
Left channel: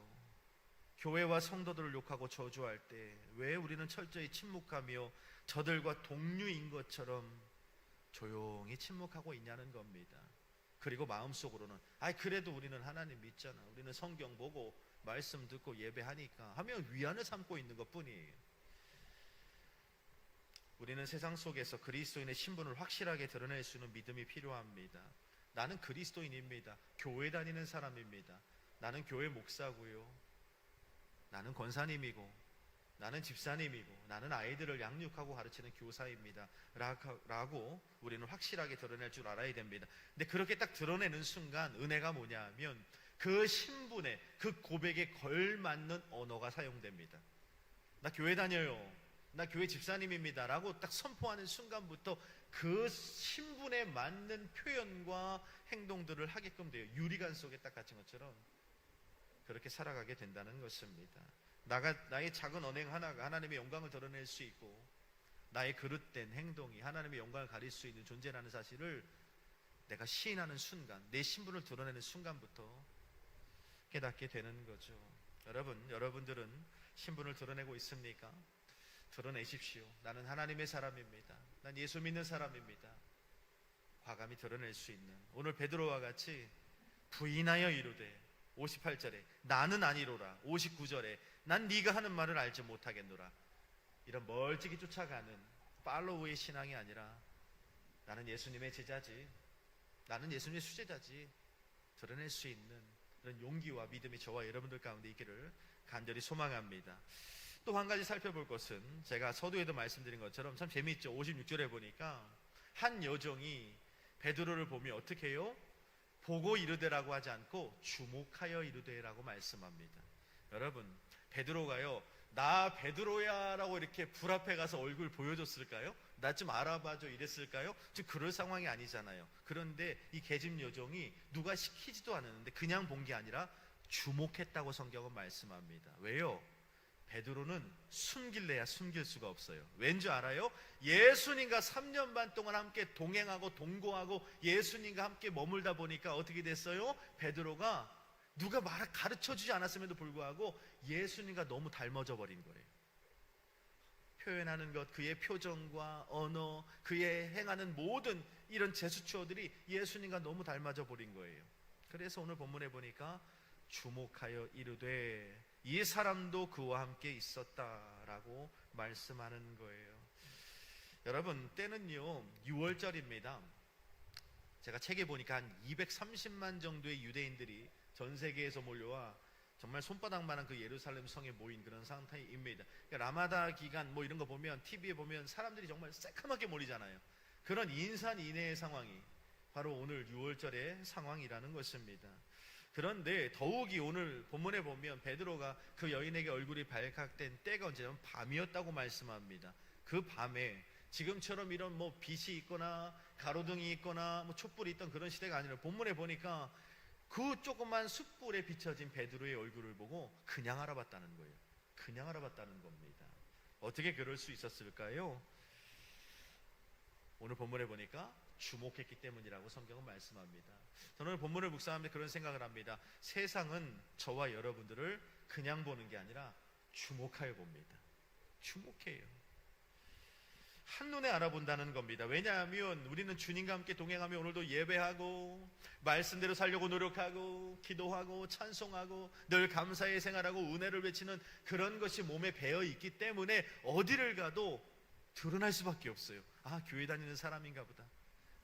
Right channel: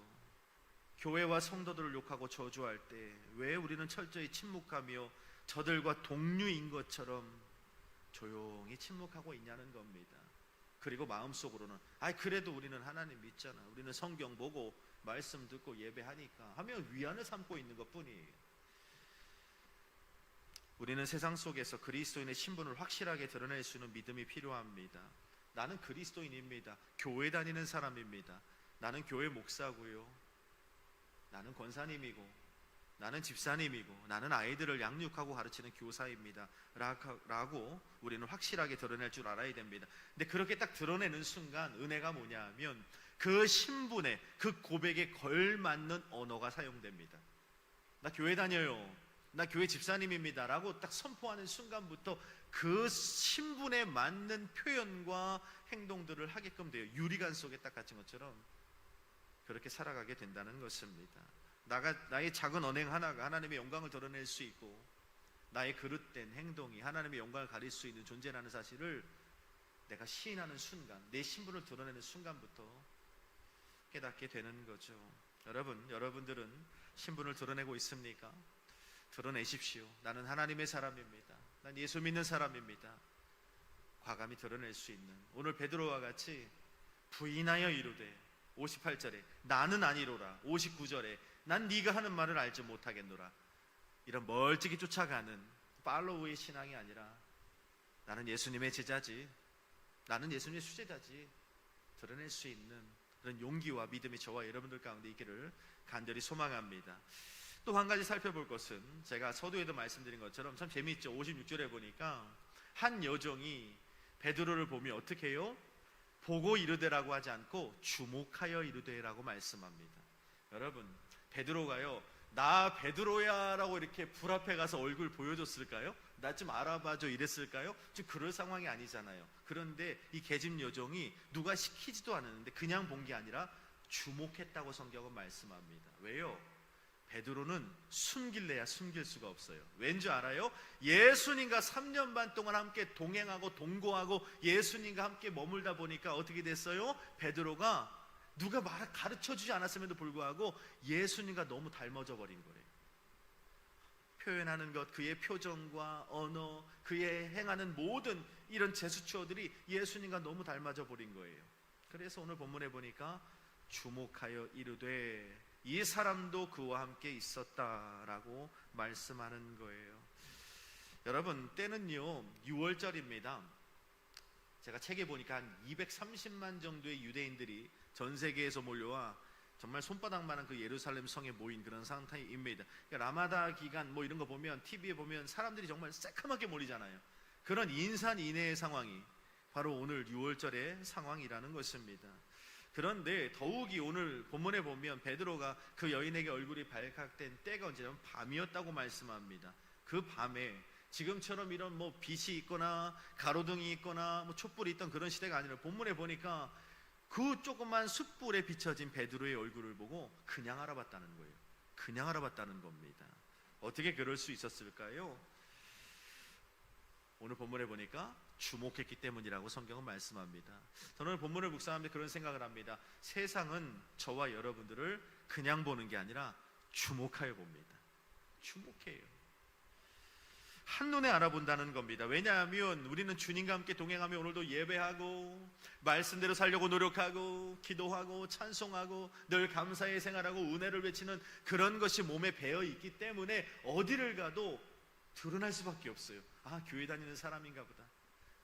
교회와 성도들을 욕하고 저주할 때 왜 우리는 철저히 침묵하며 저들과 동류인 것처럼 조용히 침묵하고 있냐는 겁니다. 그리고 마음속으로는 그래도 우리는 하나님 믿잖아. 우리는 성경 보고 말씀 듣고 예배하니까 하며 위안을 삼고 있는 것뿐이에요. 우리는 세상 속에서 그리스도인의 신분을 확실하게 드러낼 수 있는 믿음이 필요합니다. 나는 그리스도인입니다. 교회 다니는 사람입니다. 나는 교회 목사고요. 나는 권사님이고 나는 집사님이고 나는 아이들을 양육하고 가르치는 교사입니다. 라고 우리는 확실하게 드러낼 줄 알아야 됩니다. 근데 그렇게 딱 드러내는 순간 은혜가 뭐냐 하면 그 신분에 그 고백에 걸맞는 언어가 사용됩니다. 나 교회 다녀요. 나 교회 집사님입니다. 라고 딱 선포하는 순간부터 그 신분에 맞는 표현과 행동들을 하게끔 돼요. 유리관 속에 딱 갇힌 것처럼 그렇게 살아가게 된다는 것입니다. 나의 작은 언행 하나가 하나님의 영광을 드러낼 수 있고 나의 그릇된 행동이 하나님의 영광을 가릴 수 있는 존재라는 사실을 내가 시인하는 순간, 내 신분을 드러내는 순간부터 깨닫게 되는 거죠. 여러분들은 신분을 드러내고 있습니까? 드러내십시오. 나는 하나님의 사람입니다. 난 예수 믿는 사람입니다. 과감히 드러낼 수 있는 오늘 베드로와 같이 부인하여 이르되 58절에 나는 아니로라 59절에 난 네가 하는 말을 알지 못하겠노라 이런 멀찍이 쫓아가는 팔로우의 신앙이 아니라 나는 예수님의 제자지 나는 예수님의 수제자지 드러낼 수 있는 그런 용기와 믿음이 저와 여러분들 가운데 있기를 간절히 소망합니다. 또 한 가지 살펴볼 것은 제가 서두에도 말씀드린 것처럼 참 재미있죠. 56절에 보니까 한 여종이 베드로를 보며 어떻게 해요? 보고 이르되라고 하지 않고 주목하여 이르되라고 말씀합니다. 여러분 베드로가요 나 베드로야 라고 이렇게 불 앞에 가서 얼굴 보여줬을까요? 나 좀 알아봐줘 이랬을까요? 지금 그럴 상황이 아니잖아요. 그런데 이 계집 여종이 누가 시키지도 않았는데 그냥 본 게 아니라 주목했다고 성경은 말씀합니다. 왜요? 베드로는 숨길래야 숨길 수가 없어요. 왠지 알아요? 예수님과 3년 반 동안 함께 동행하고 동거하고 예수님과 함께 머물다 보니까 어떻게 됐어요? 베드로가 누가 가르쳐주지 않았음에도 불구하고 예수님과 너무 닮아져 버린 거래요. 표현하는 것, 그의 표정과 언어, 그의 행하는 모든 이런 제스처들이 예수님과 너무 닮아져 버린 거예요. 그래서 오늘 본문에 보니까 주목하여 이르되 이 사람도 그와 함께 있었다라고 말씀하는 거예요. 여러분, 때는요 6월절입니다. 제가 책에 보니까 한 230만 정도의 유대인들이 전 세계에서 몰려와 정말 손바닥만한 그 예루살렘 성에 모인 그런 상태입니다. 라마다 기간 뭐 이런 거 보면 TV에 보면 사람들이 정말 새카맣게 몰리잖아요. 그런 인산인해의 상황이 바로 오늘 6월절의 상황이라는 것입니다. 그런데 더욱이 오늘 본문에 보면 베드로가 그 여인에게 얼굴이 발각된 때가 언제냐면 밤이었다고 말씀합니다. 그 밤에 지금처럼 이런 뭐 빛이 있거나 가로등이 있거나 뭐 촛불이 있던 그런 시대가 아니라 본문에 보니까 그 조그만 숯불에 비춰진 베드로의 얼굴을 보고 그냥 알아봤다는 거예요. 그냥 알아봤다는 겁니다. 어떻게 그럴 수 있었을까요? 오늘 본문에 보니까 주목했기 때문이라고 성경은 말씀합니다. 저는 본문을 묵상하면서 그런 생각을 합니다. 세상은 저와 여러분들을 그냥 보는 게 아니라 주목하여 봅니다. 주목해요. 한눈에 알아본다는 겁니다. 왜냐하면 우리는 주님과 함께 동행하며 오늘도 예배하고 말씀대로 살려고 노력하고 기도하고 찬송하고 늘 감사의 생활하고 은혜를 외치는 그런 것이 몸에 배어 있기 때문에 어디를 가도 드러날 수밖에 없어요. 아, 교회 다니는 사람인가 보다.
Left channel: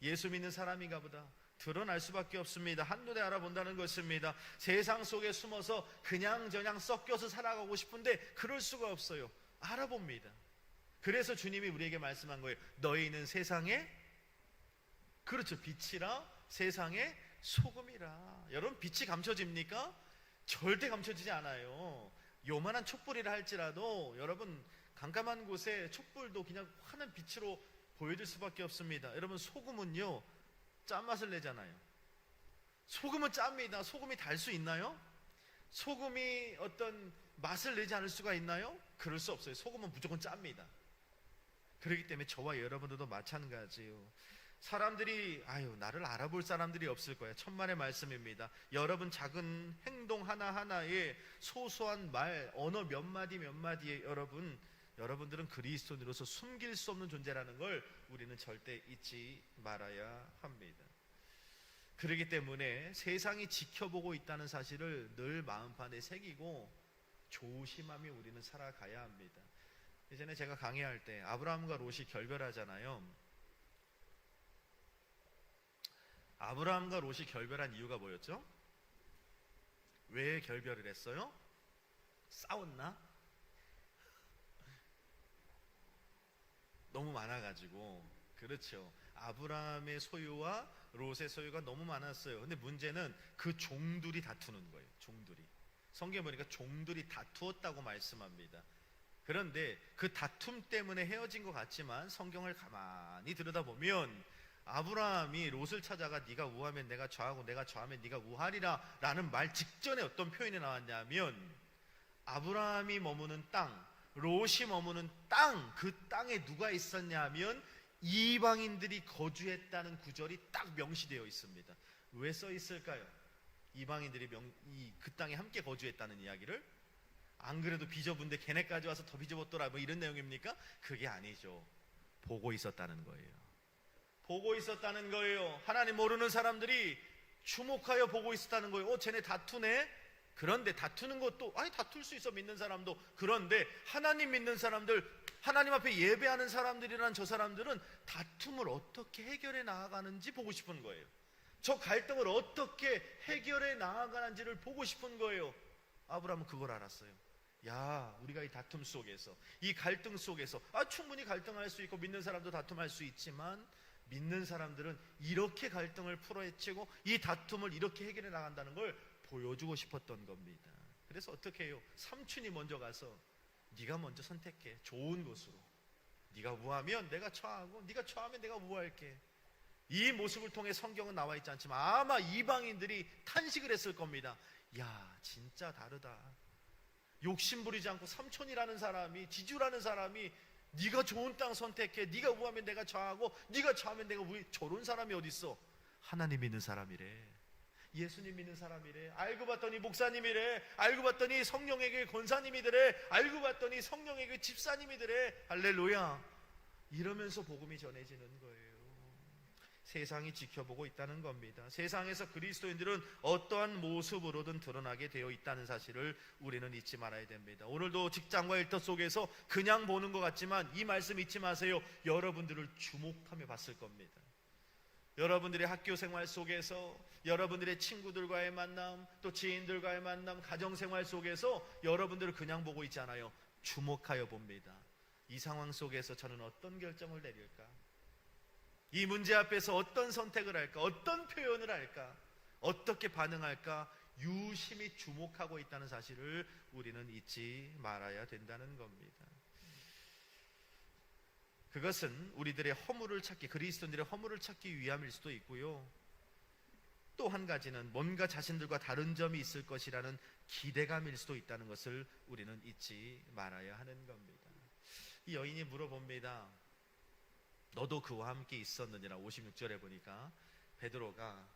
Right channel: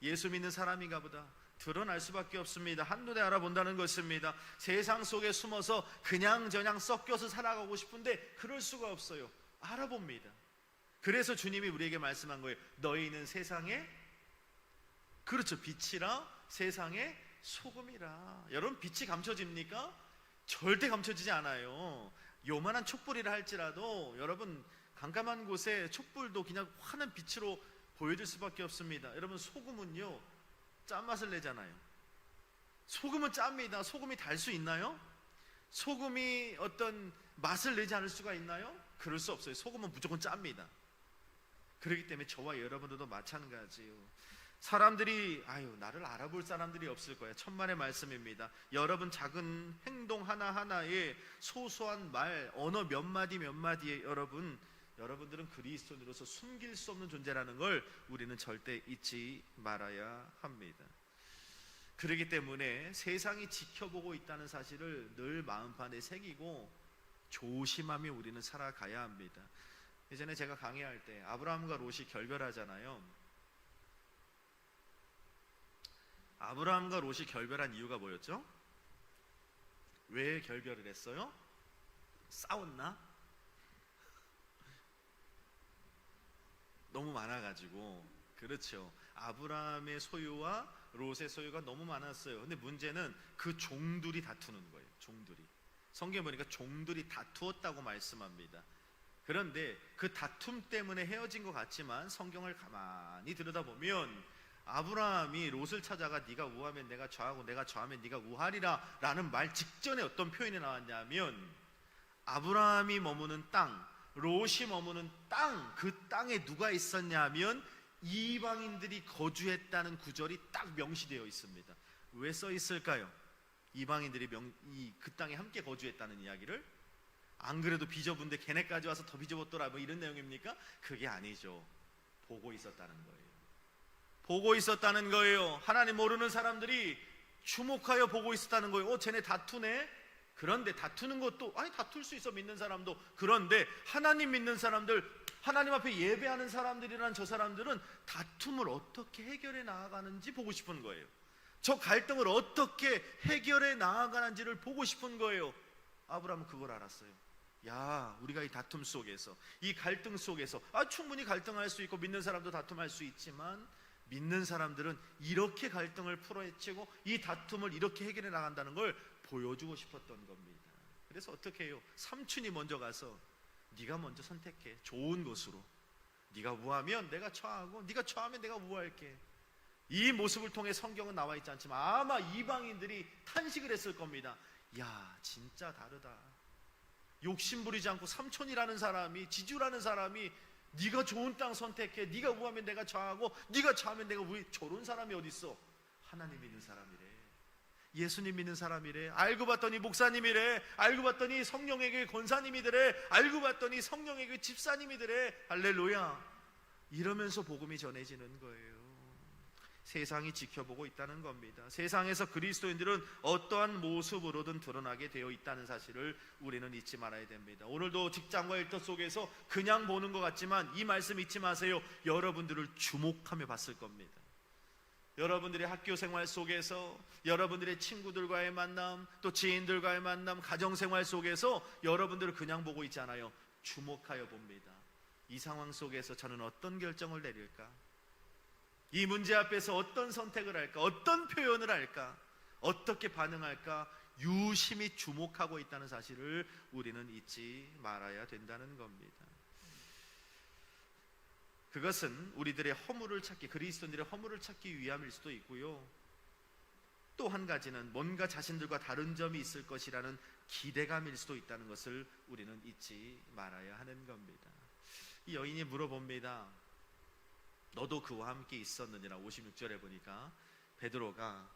예수 믿는 사람인가 보다. 드러날 수밖에 없습니다. 한눈에 알아본다는 것입니다. 세상 속에 숨어서 그냥저냥 섞여서 살아가고 싶은데 그럴 수가 없어요. 알아봅니다. 그래서 주님이 우리에게 말씀한 거예요. 너희는 세상의, 그렇죠, 빛이라 세상의 소금이라. 여러분, 빛이 감춰집니까? 절대 감춰지지 않아요. 요만한 촛불이라 할지라도 여러분 깜깜한 곳에 촛불도 그냥 환한 빛으로 보여질 수밖에 없습니다. 여러분, 소금은요 짠맛을 내잖아요. 소금은 짭니다. 소금이 달 수 있나요? 소금이 어떤 맛을 내지 않을 수가 있나요? 그럴 수 없어요. 소금은 무조건 짭니다. 그렇기 때문에 저와 여러분들도 마찬가지예요. 사람들이 나를 알아볼 사람들이 없을 거야. 천만의 말씀입니다. 여러분 작은 행동 하나하나에 소소한 말, 언어 몇 마디 몇 마디에 여러분들은 그리스도인으로서 숨길 수 없는 존재라는 걸 우리는 절대 잊지 말아야 합니다. 그렇기 때문에 세상이 지켜보고 있다는 사실을 늘 마음판에 새기고 조심하며 우리는 살아가야 합니다. 예전에 제가 강의할 때 아브라함과 롯이 결별하잖아요. 아브라함과 롯이 결별한 이유가 뭐였죠? 왜 결별을 했어요? 싸웠나? 너무 많아가지고. 그렇죠. 아브라함의 소유와 롯의 소유가 너무 많았어요. 근데 문제는 그 종들이 다투는 거예요. 종들이. 성경에 보니까 종들이 다투었다고 말씀합니다. 그런데 그 다툼 때문에 헤어진 것 같지만 성경을 가만히 들여다보면 아브라함이 롯을 찾아가 네가 우하면 내가 좌하고 내가 좌하면 네가 우하리라 라는 말 직전에 어떤 표현이 나왔냐면 아브라함이 머무는 땅, 롯이 머무는 땅, 그 땅에 누가 있었냐 하면 이방인들이 거주했다는 구절이 딱 명시되어 있습니다. 왜 써 있을까요? 이방인들이 그 땅에 함께 거주했다는 이야기를? 안 그래도 빚어본데 걔네까지 와서 더 빚어봤더라 뭐 이런 내용입니까? 그게 아니죠. 보고 있었다는 거예요. 보고 있었다는 거예요. 하나님 모르는 사람들이 주목하여 보고 있었다는 거예요. 쟤네 다투네? 그런데 다투는 것도 다툴 수 있어, 믿는 사람도. 그런데 하나님 믿는 사람들, 하나님 앞에 예배하는 사람들이란 저 사람들은 다툼을 어떻게 해결해 나아가는지 보고 싶은 거예요. 저 갈등을 어떻게 해결해 나아가는지를 보고 싶은 거예요. 아브라함은 그걸 알았어요. 야, 우리가 이 다툼 속에서, 이 갈등 속에서 충분히 갈등할 수 있고 믿는 사람도 다툼할 수 있지만 믿는 사람들은 이렇게 갈등을 풀어헤치고 이 다툼을 이렇게 해결해 나간다는 걸 보여주고 싶었던 겁니다. 그래서 어떻게 해요? 삼촌이 먼저 가서 네가 먼저 선택해. 좋은 것으로. 네가 우하면 내가 좌하고 네가 좌하면 내가 우할게. 이 모습을 통해 성경은 나와 있지 않지만 아마 이방인들이 탄식을 했을 겁니다. 야, 진짜 다르다. 욕심 부리지 않고 삼촌이라는 사람이, 지주라는 사람이 네가 좋은 땅 선택해. 네가 우하면 내가 좌하고 네가 좌하면 내가 우해. 저런 사람이 어딨어? 하나님 믿는 사람이래. 예수님 믿는 사람이래. 알고 봤더니 목사님이래. 알고 봤더니 성령에게 권사님이더래. 알고 봤더니 성령에게 집사님이더래. 할렐루야. 이러면서 복음이 전해지는 거예요. 세상이 지켜보고 있다는 겁니다. 세상에서 그리스도인들은 어떠한 모습으로든 드러나게 되어 있다는 사실을 우리는 잊지 말아야 됩니다. 오늘도 직장과 일터 속에서 그냥 보는 것 같지만 이 말씀 잊지 마세요. 여러분들을 주목하며 봤을 겁니다. 여러분들의 학교 생활 속에서, 여러분들의 친구들과의 만남, 또 지인들과의 만남, 가정생활 속에서 여러분들을 그냥 보고 있지 않아요. 주목하여 봅니다. 이 상황 속에서 저는 어떤 결정을 내릴까? 이 문제 앞에서 어떤 선택을 할까? 어떤 표현을 할까? 어떻게 반응할까? 유심히 주목하고 있다는 사실을 우리는 잊지 말아야 된다는 겁니다. 그것은 우리들의 허물을 찾기, 그리스도인들의 허물을 찾기 위함일 수도 있고요. 또 한 가지는 뭔가 자신들과 다른 점이 있을 것이라는 기대감일 수도 있다는 것을 우리는 잊지 말아야 하는 겁니다. 이 여인이 물어봅니다. 너도 그와 함께 있었느니라. 56절에 보니까 베드로가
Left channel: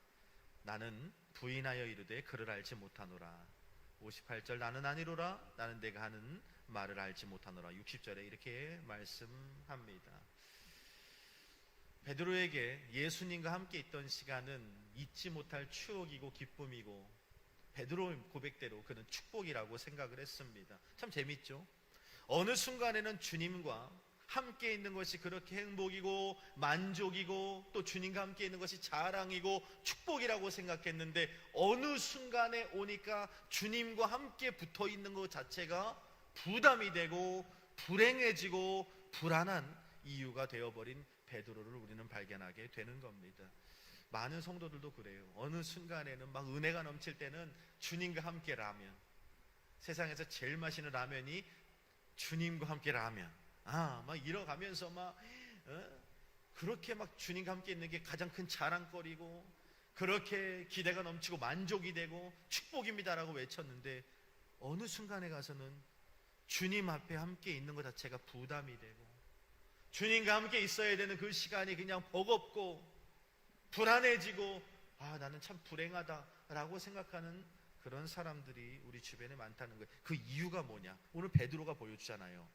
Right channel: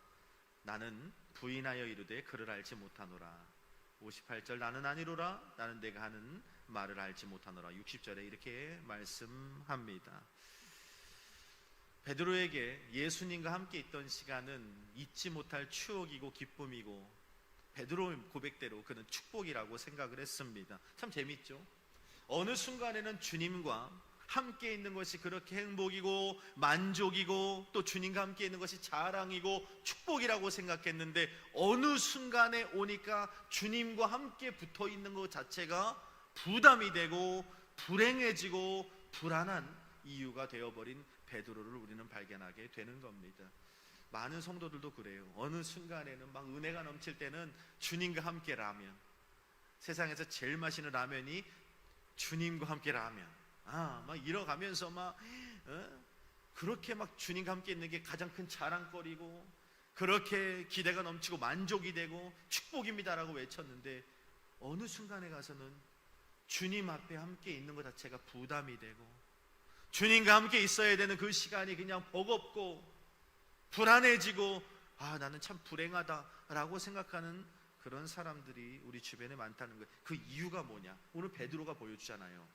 나는 부인하여 이르되 그를 알지 못하노라. 58절 나는 아니로라. 나는 내가 하는 말을 알지 못하노라. 60절에 이렇게 말씀합니다. 베드로에게 예수님과 함께 있던 시간은 잊지 못할 추억이고 기쁨이고 베드로의 고백대로 그는 축복이라고 생각을 했습니다. 참 재밌죠? 어느 순간에는 주님과 함께 있는 것이 그렇게 행복이고 만족이고 또 주님과 함께 있는 것이 자랑이고 축복이라고 생각했는데 어느 순간에 오니까 주님과 함께 붙어 있는 것 자체가 부담이 되고 불행해지고 불안한 이유가 되어버린 베드로를 우리는 발견하게 되는 겁니다. 많은 성도들도 그래요. 어느 순간에는 막 은혜가 넘칠 때는 주님과 함께 라면, 세상에서 제일 맛있는 라면이 주님과 함께 라면, 막 잃어가면서 그렇게 막 주님과 함께 있는 게 가장 큰 자랑거리고 그렇게 기대가 넘치고 만족이 되고 축복입니다라고 외쳤는데 어느 순간에 가서는 주님 앞에 함께 있는 것 자체가 부담이 되고 주님과 함께 있어야 되는 그 시간이 그냥 버겁고 불안해지고 나는 참 불행하다라고 생각하는 그런 사람들이 우리 주변에 많다는 거예요. 그 이유가 뭐냐? 오늘 베드로가 보여주잖아요.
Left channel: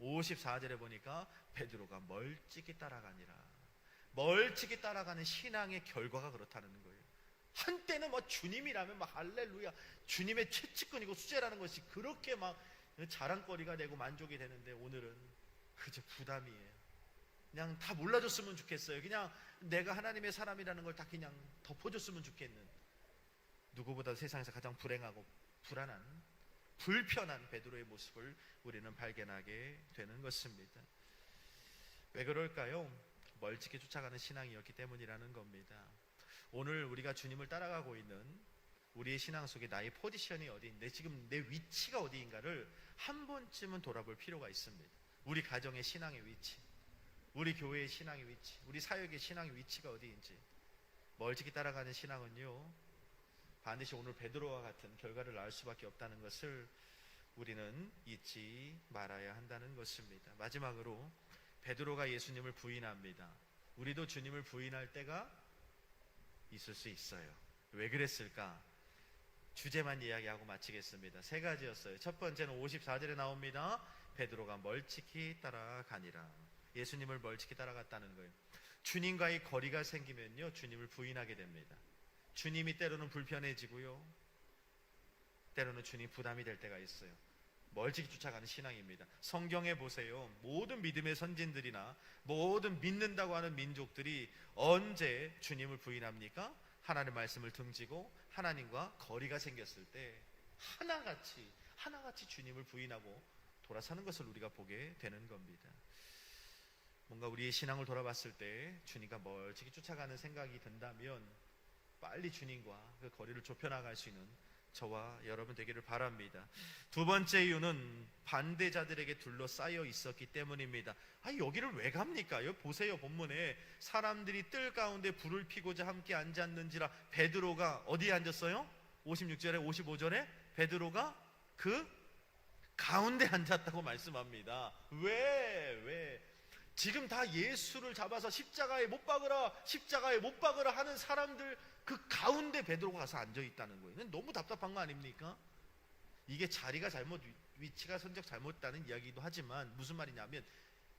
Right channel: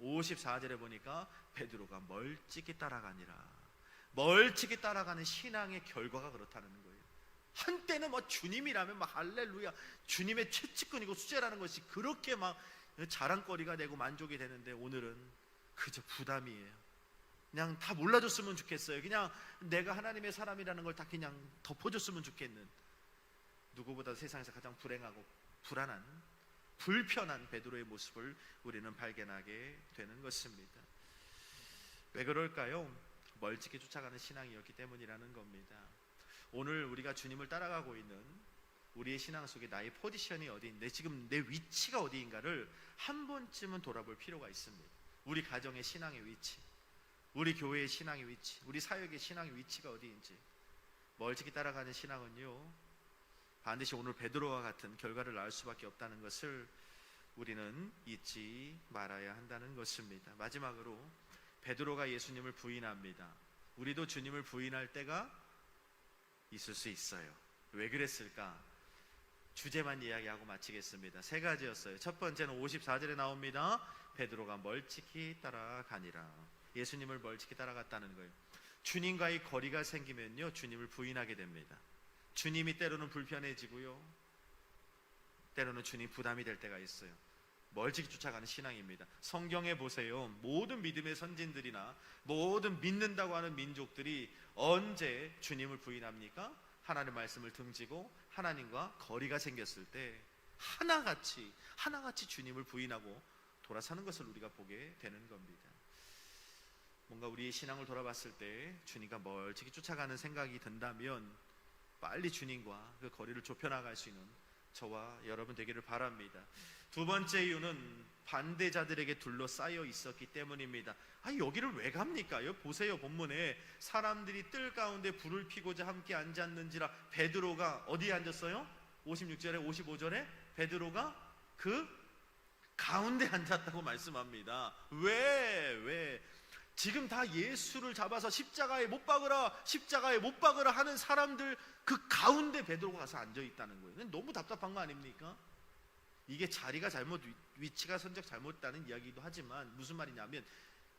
54절에 보니까 베드로가 멀찍이 따라가니라. 멀찍이 따라가는 신앙의 결과가 그렇다는 거예요. 한때는 주님이라면 할렐루야, 주님의 채찍근이고 수제라는 것이 그렇게 자랑거리가 되고 만족이 되는데 오늘은 그저 부담이에요. 그냥 다 몰라줬으면 좋겠어요. 그냥 내가 하나님의 사람이라는 걸 다 그냥 덮어줬으면 좋겠는, 누구보다 세상에서 가장 불행하고 불안한 불편한 베드로의 모습을 우리는 발견하게 되는 것입니다. 왜 그럴까요? 멀찍이 쫓아가는 신앙이었기 때문이라는 겁니다. 오늘 우리가 주님을 따라가고 있는 우리의 신앙 속에 나의 포지션이 어디인데, 지금 내 위치가 어디인가를 한 번쯤은 돌아볼 필요가 있습니다. 우리 가정의 신앙의 위치, 우리 교회의 신앙의 위치, 우리 사역의 신앙의 위치가 어디인지. 멀찍이 따라가는 신앙은요, 반드시 오늘 베드로와 같은 결과를 낳을 수밖에 없다는 것을 우리는 잊지 말아야 한다는 것입니다. 마지막으로 베드로가 예수님을 부인합니다. 우리도 주님을 부인할 때가 있을 수 있어요. 왜 그랬을까? 주제만 이야기하고 마치겠습니다. 세 가지였어요. 첫 번째는 54절에 나옵니다. 베드로가 멀찍이 따라가니라. 예수님을 멀찍이 따라갔다는 거예요. 주님과의 거리가 생기면요, 주님을 부인하게 됩니다. 주님이 때로는 불편해지고요, 때로는 주님 부담이 될 때가 있어요. 멀찍이 쫓아가는 신앙입니다. 성경에 보세요. 모든 믿음의 선진들이나 모든 믿는다고 하는 민족들이 언제 주님을 부인합니까? 하나님의 말씀을 등지고 하나님과 거리가 생겼을 때 하나같이 주님을 부인하고 돌아서는 것을 우리가 보게 되는 겁니다. 뭔가 우리의 신앙을 돌아봤을 때 주님과 멀찍이 쫓아가는 생각이 든다면 빨리 주님과 그 거리를 좁혀나갈 수 있는 저와 여러분 되기를 바랍니다. 두 번째 이유는 반대자들에게 둘러싸여 있었기 때문입니다. 여기를 왜 갑니까? 보세요, 본문에 사람들이 뜰 가운데 불을 피고자 함께 앉았는지라. 베드로가 어디에 앉았어요? 56절에 55절에 베드로가 그 가운데 앉았다고 말씀합니다. 왜? 지금 다 예수를 잡아서 십자가에 못 박으라 하는 사람들 그 가운데 베드로가 가서 앉아있다는 거예요. 너무 답답한 거 아닙니까? 이게 자리가 위치가 선적 잘못다는 이야기도 하지만 무슨 말이냐면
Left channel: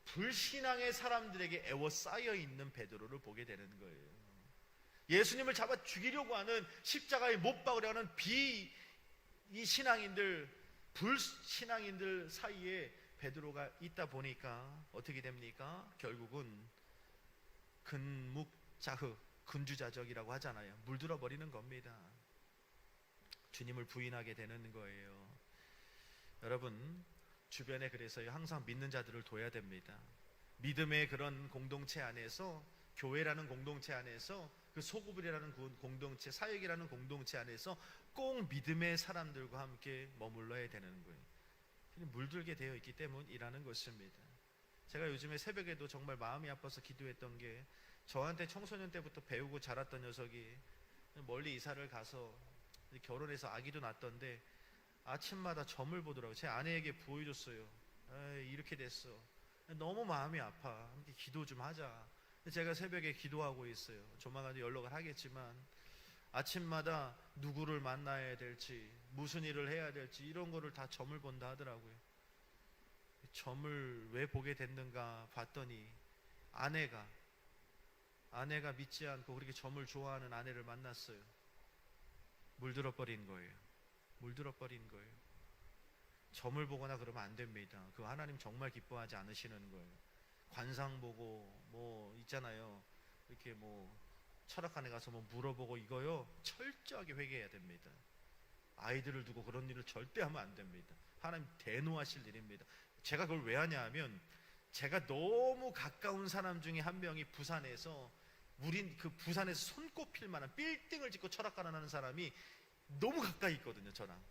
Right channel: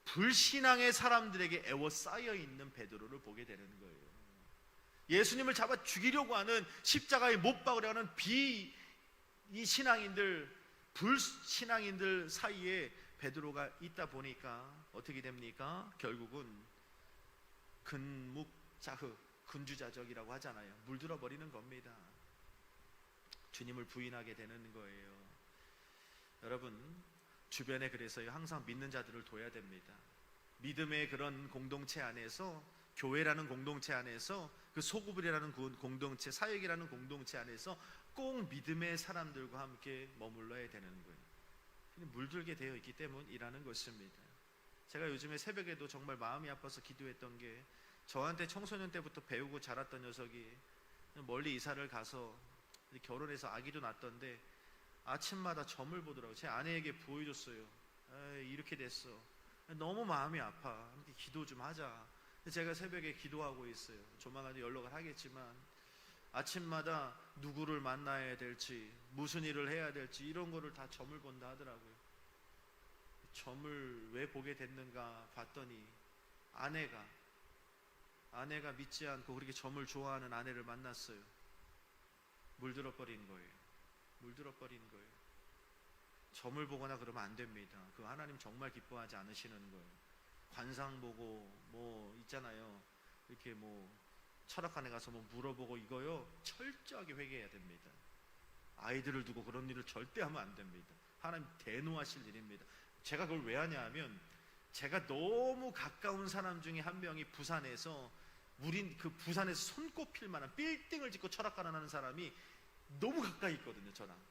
불신앙의 사람들에게 애워싸여 있는 베드로를 보게 되는 거예요. 예수님을 잡아 죽이려고 하는, 십자가에 못 박으려 하는 이 신앙인들, 불신앙인들 사이에 베드로가 있다 보니까 어떻게 됩니까? 결국은 근묵자흑, 근주자적이라고 하잖아요. 물들어 버리는 겁니다. 주님을 부인하게 되는 거예요. 여러분, 주변에 그래서 항상 믿는 자들을 둬야 됩니다. 믿음의 그런 공동체 안에서, 교회라는 공동체 안에서, 그 소그룹이라는 공동체, 사역이라는 공동체 안에서 꼭 믿음의 사람들과 함께 머물러야 되는 거예요. 물들게 되어 있기 때문이라는 것입니다. 제가 요즘에 새벽에도 정말 마음이 아파서 기도했던 게, 저한테 청소년 때부터 배우고 자랐던 녀석이 멀리 이사를 가서 결혼해서 아기도 낳았던데 아침마다 점을 보더라고요. 제 아내에게 보여줬어요. 이렇게 됐어. 너무 마음이 아파. 기도 좀 하자. 제가 새벽에 기도하고 있어요. 조만간 연락을 하겠지만 아침마다 누구를 만나야 될지, 무슨 일을 해야 될지 이런 거를 다 점을 본다 하더라고요. 점을 왜 보게 됐는가 봤더니 아내가 믿지 않고 그렇게 점을 좋아하는 아내를 만났어요. 물들어 버린 거예요. 물들어 버린 거예요. 점을 보거나 그러면 안 됩니다. 그 하나님 정말 기뻐하지 않으시는 거예요. 관상 보고 뭐 있잖아요. 이렇게 뭐 철학관에 가서 뭐 물어보고 이거요, 철저하게 회개해야 됩니다. 아이들을 두고 그런 일을 절대 하면 안 됩니다. 하나님 대노하실 일입니다. 제가 그걸 왜 하냐 하면, 제가 너무 가까운 사람 중에 한 명이 부산에서, 우린 그 부산에서 손꼽힐 만한 빌딩을 짓고 철학관을 하는 사람이 너무 가까이 있거든요, 저랑.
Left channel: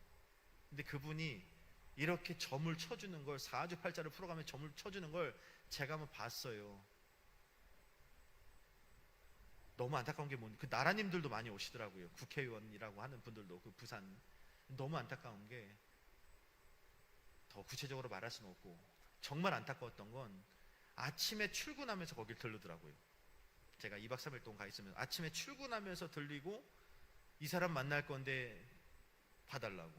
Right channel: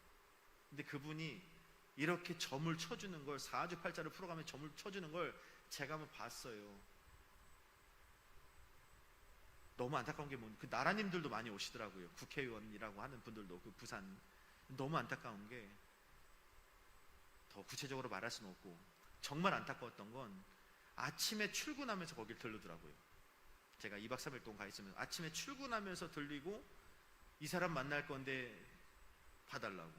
근데 그분이 이렇게 점을 쳐주는 걸, 사주팔자를 풀어가며 점을 쳐주는 걸 제가 한번 봤어요. 너무 안타까운 게 그 나라님들도 많이 오시더라고요. 국회의원이라고 하는 분들도, 그 부산. 너무 안타까운 게, 더 구체적으로 말할 수는 없고, 정말 안타까웠던 건 아침에 출근하면서 거길 들르더라고요. 제가 2박 3일 동안 가 있으면 아침에 출근하면서 들리고, 이 사람 만날 건데 봐달라고,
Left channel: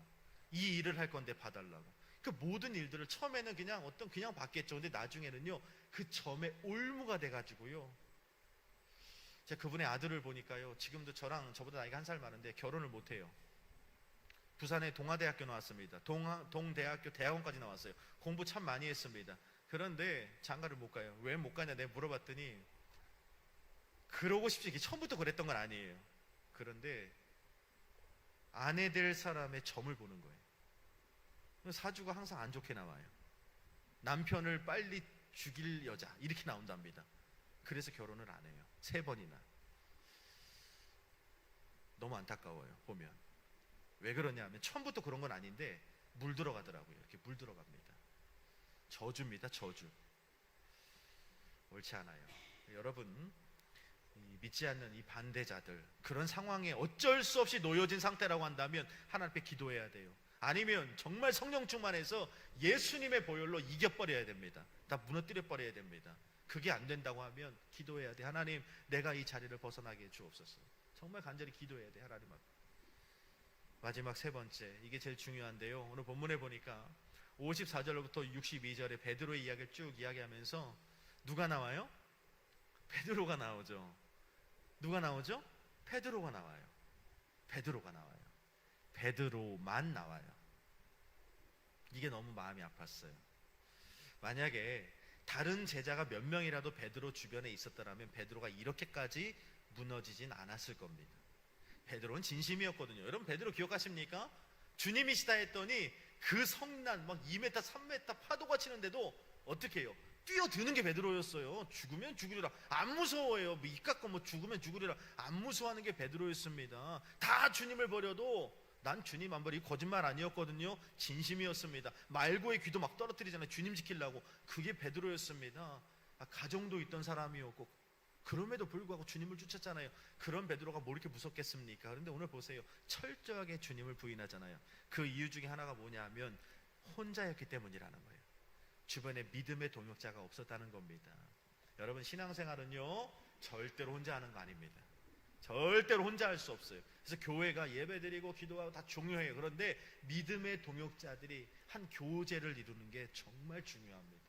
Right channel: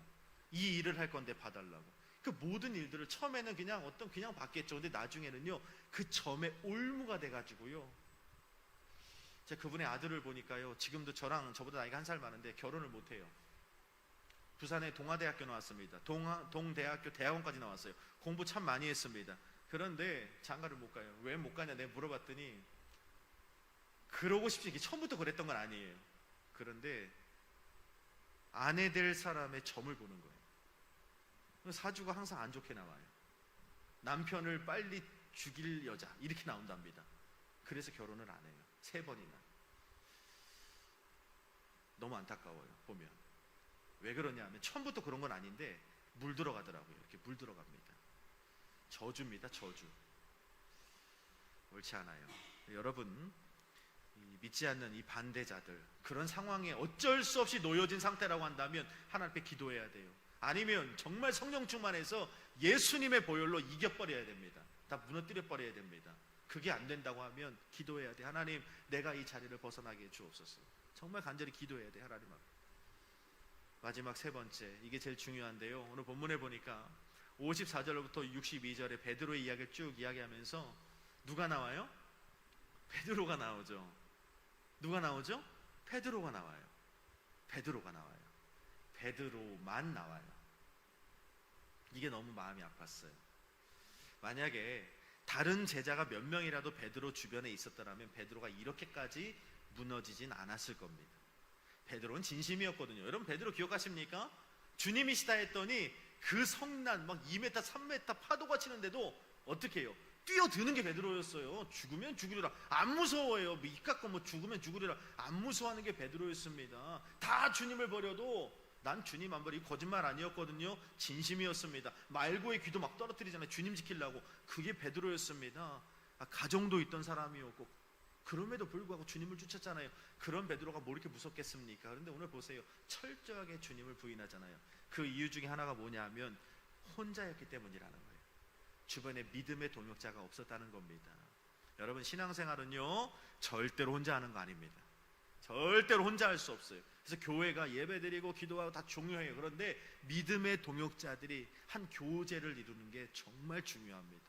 이 일을 할 건데 봐달라고. 그 모든 일들을 처음에는 그냥 받겠죠. 근데 나중에는요, 그 점에 올무가 돼가지고요. 제가 그분의 아들을 보니까요, 지금도 저보다 나이가 1살 많은데 결혼을 못해요. 부산에 동아대학교 나왔습니다. 동대학교 대학원까지 나왔어요. 공부 참 많이 했습니다. 그런데 장가를 못 가요. 왜 못 가냐 내가 물어봤더니, 그러고 싶지, 이게 처음부터 그랬던 건 아니에요. 그런데 아내 될 사람의 점을 보는 거예요. 사주가 항상 안 좋게 나와요. 남편을 빨리 죽일 여자, 이렇게 나온답니다. 그래서 결혼을 안 해요. 3번이나. 너무 안타까워요, 보면. 왜 그러냐 하면, 처음부터 그런 건 아닌데 물들어가더라고요. 이렇게 물들어갑니다. 저주입니다, 저주. 옳지 않아요. 여러분, 믿지 않는 이 반대자들, 그런 상황에 어쩔 수 없이 놓여진 상태라고 한다면 하나님 앞에 기도해야 돼요. 아니면 정말 성령 충만해서 예수님의 보혈로 이겨버려야 됩니다. 다 무너뜨려 버려야 됩니다. 그게 안 된다고 하면 기도해야 돼. 하나님, 내가 이 자리를 벗어나게 해주옵소서. 정말 간절히 기도해야 돼, 하나님 앞에. 마지막 3번째, 이게 제일 중요한데요. 오늘 본문에 보니까 54절부터 62절에 베드로의 이야기를 쭉 이야기하면서 누가 나와요? 베드로가 나오죠. 누가 나오죠? 베드로가 나와요. 베드로가 나와요. 베드로만 나와요. 이게 너무 마음이 아팠어요. 만약에 다른 제자가 몇 명이라도 베드로 주변에 있었더라면 베드로가 이렇게까지 무너지진 않았을 겁니다. 베드로는 진심이었거든요. 여러분, 베드로 기억하십니까? 주님이시다 했더니 그 성난 막 2m, 3m 파도가 치는데도 어떻게 해요? 뛰어드는 게 베드로였어요. 죽으면 죽으리라. 안 무서워해요. 입 깎고 뭐 죽으면 죽으리라. 안 무서워하는 게 베드로였습니다. 다 주님을 버려도 난 주님 안 버려. 이 거짓말 아니었거든요. 진심이었습니다. 말고의 귀도 막 떨어뜨리잖아요. 주님 지키려고. 그게 베드로였습니다. 가정도 있던 사람이었고, 그럼에도 불구하고 주님을 쫓았잖아요. 그런 베드로가 뭐 이렇게 무섭겠습니까? 그런데 오늘 보세요. 철저하게 주님을 부인하잖아요. 그 이유 중에 하나가 뭐냐면 혼자였기 때문이라는 거예요. 주변에 믿음의 동역자가 없었다는 겁니다. 여러분, 신앙생활은요, 절대로 혼자 하는 거 아닙니다. 절대로 혼자 할 수 없어요. 그래서 교회가 예배드리고 기도하고 다 중요해요. 그런데 믿음의 동역자들이 한 교제를 이루는 게 정말 중요합니다.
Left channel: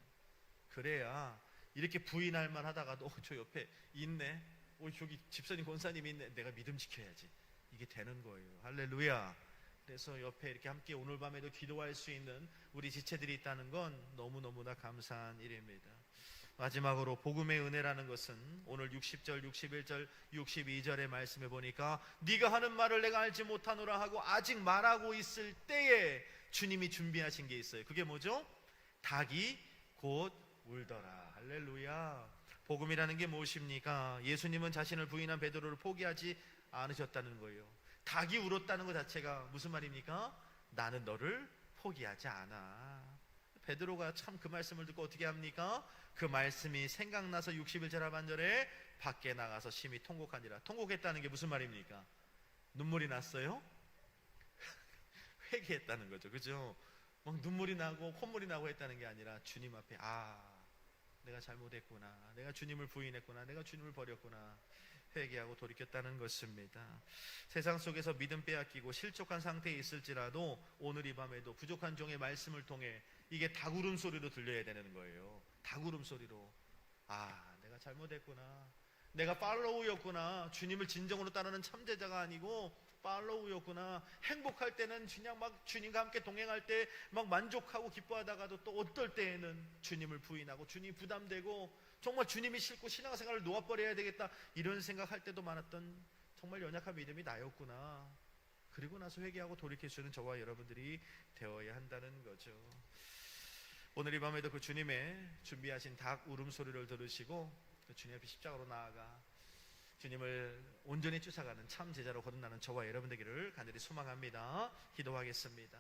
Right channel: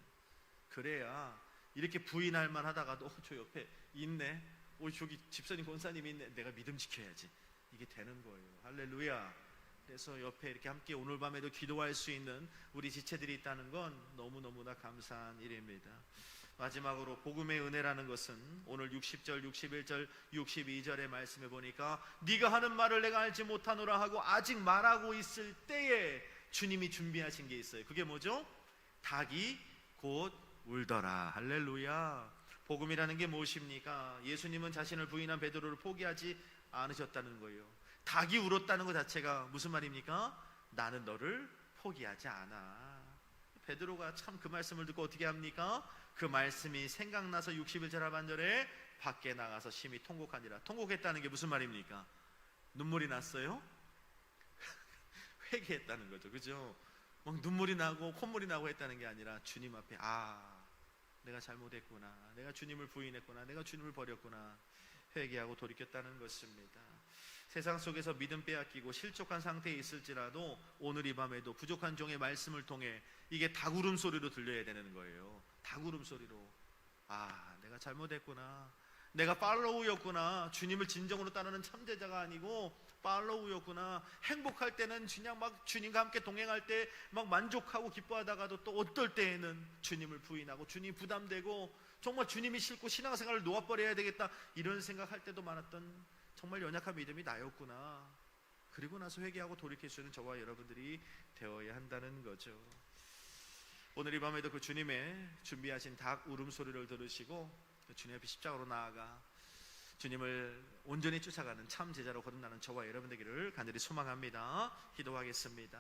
그래야 이렇게 부인할 만 하다가도 저 옆에 있네, 저기 집사님 권사님이 있네, 내가 믿음 지켜야지. 이게 되는 거예요. 할렐루야. 그래서 옆에 이렇게 함께 오늘 밤에도 기도할 수 있는 우리 지체들이 있다는 건 너무너무나 감사한 일입니다. 마지막으로 복음의 은혜라는 것은 오늘 60절, 61절, 62절의 말씀에 보니까 네가 하는 말을 내가 알지 못하노라 하고 아직 말하고 있을 때에 주님이 준비하신 게 있어요. 그게 뭐죠? 닭이 곧 울더라. 할렐루야. 복음이라는 게 무엇입니까? 예수님은 자신을 부인한 베드로를 포기하지 않으셨다는 거예요. 닭이 울었다는 것 자체가 무슨 말입니까? 나는 너를 포기하지 않아. 베드로가 참 그 말씀을 듣고 어떻게 합니까? 그 말씀이 생각나서 61절 하반절에 밖에 나가서 심히 통곡하니라. 통곡했다는 게 무슨 말입니까? 눈물이 났어요? 회개했다는 거죠. 그죠? 막 눈물이 나고 콧물이 나고 했다는 게 아니라 주님 앞에 내가 잘못했구나, 내가 주님을 부인했구나, 내가 주님을 버렸구나, 회개하고 돌이켰다는 것입니다. 세상 속에서 믿음 빼앗기고 실족한 상태에 있을지라도 오늘 이 밤에도 부족한 종의 말씀을 통해 이게 닭울음 소리로 들려야 되는 거예요. 닭울음 소리로. 내가 잘못했구나, 내가 팔로우였구나, 주님을 진정으로 따르는 참제자가 아니고 팔로우였구나. 행복할 때는 그냥 막 주님과 함께 동행할 때 막 만족하고 기뻐하다가도 또 어떨 때에는 주님을 부인하고 주님이 부담되고 정말 주님이 싫고 신앙생활을 놓아버려야 되겠다 이런 생각할 때도 많았던 정말 연약한 믿음이 나였구나. 그리고 나서 회개하고 돌이킬 수 있는 저와 여러분들이 되어야 한다는 거죠. 오늘 이 밤에도 그 주님의 준비하신 닭 울음소리를 들으시고 주님 앞에 십자가로 나아가 주님을 온전히 쫓아가는 참 제자로 거듭나는 저와 여러분 되기를 간절히 소망합니다. 기도하겠습니다.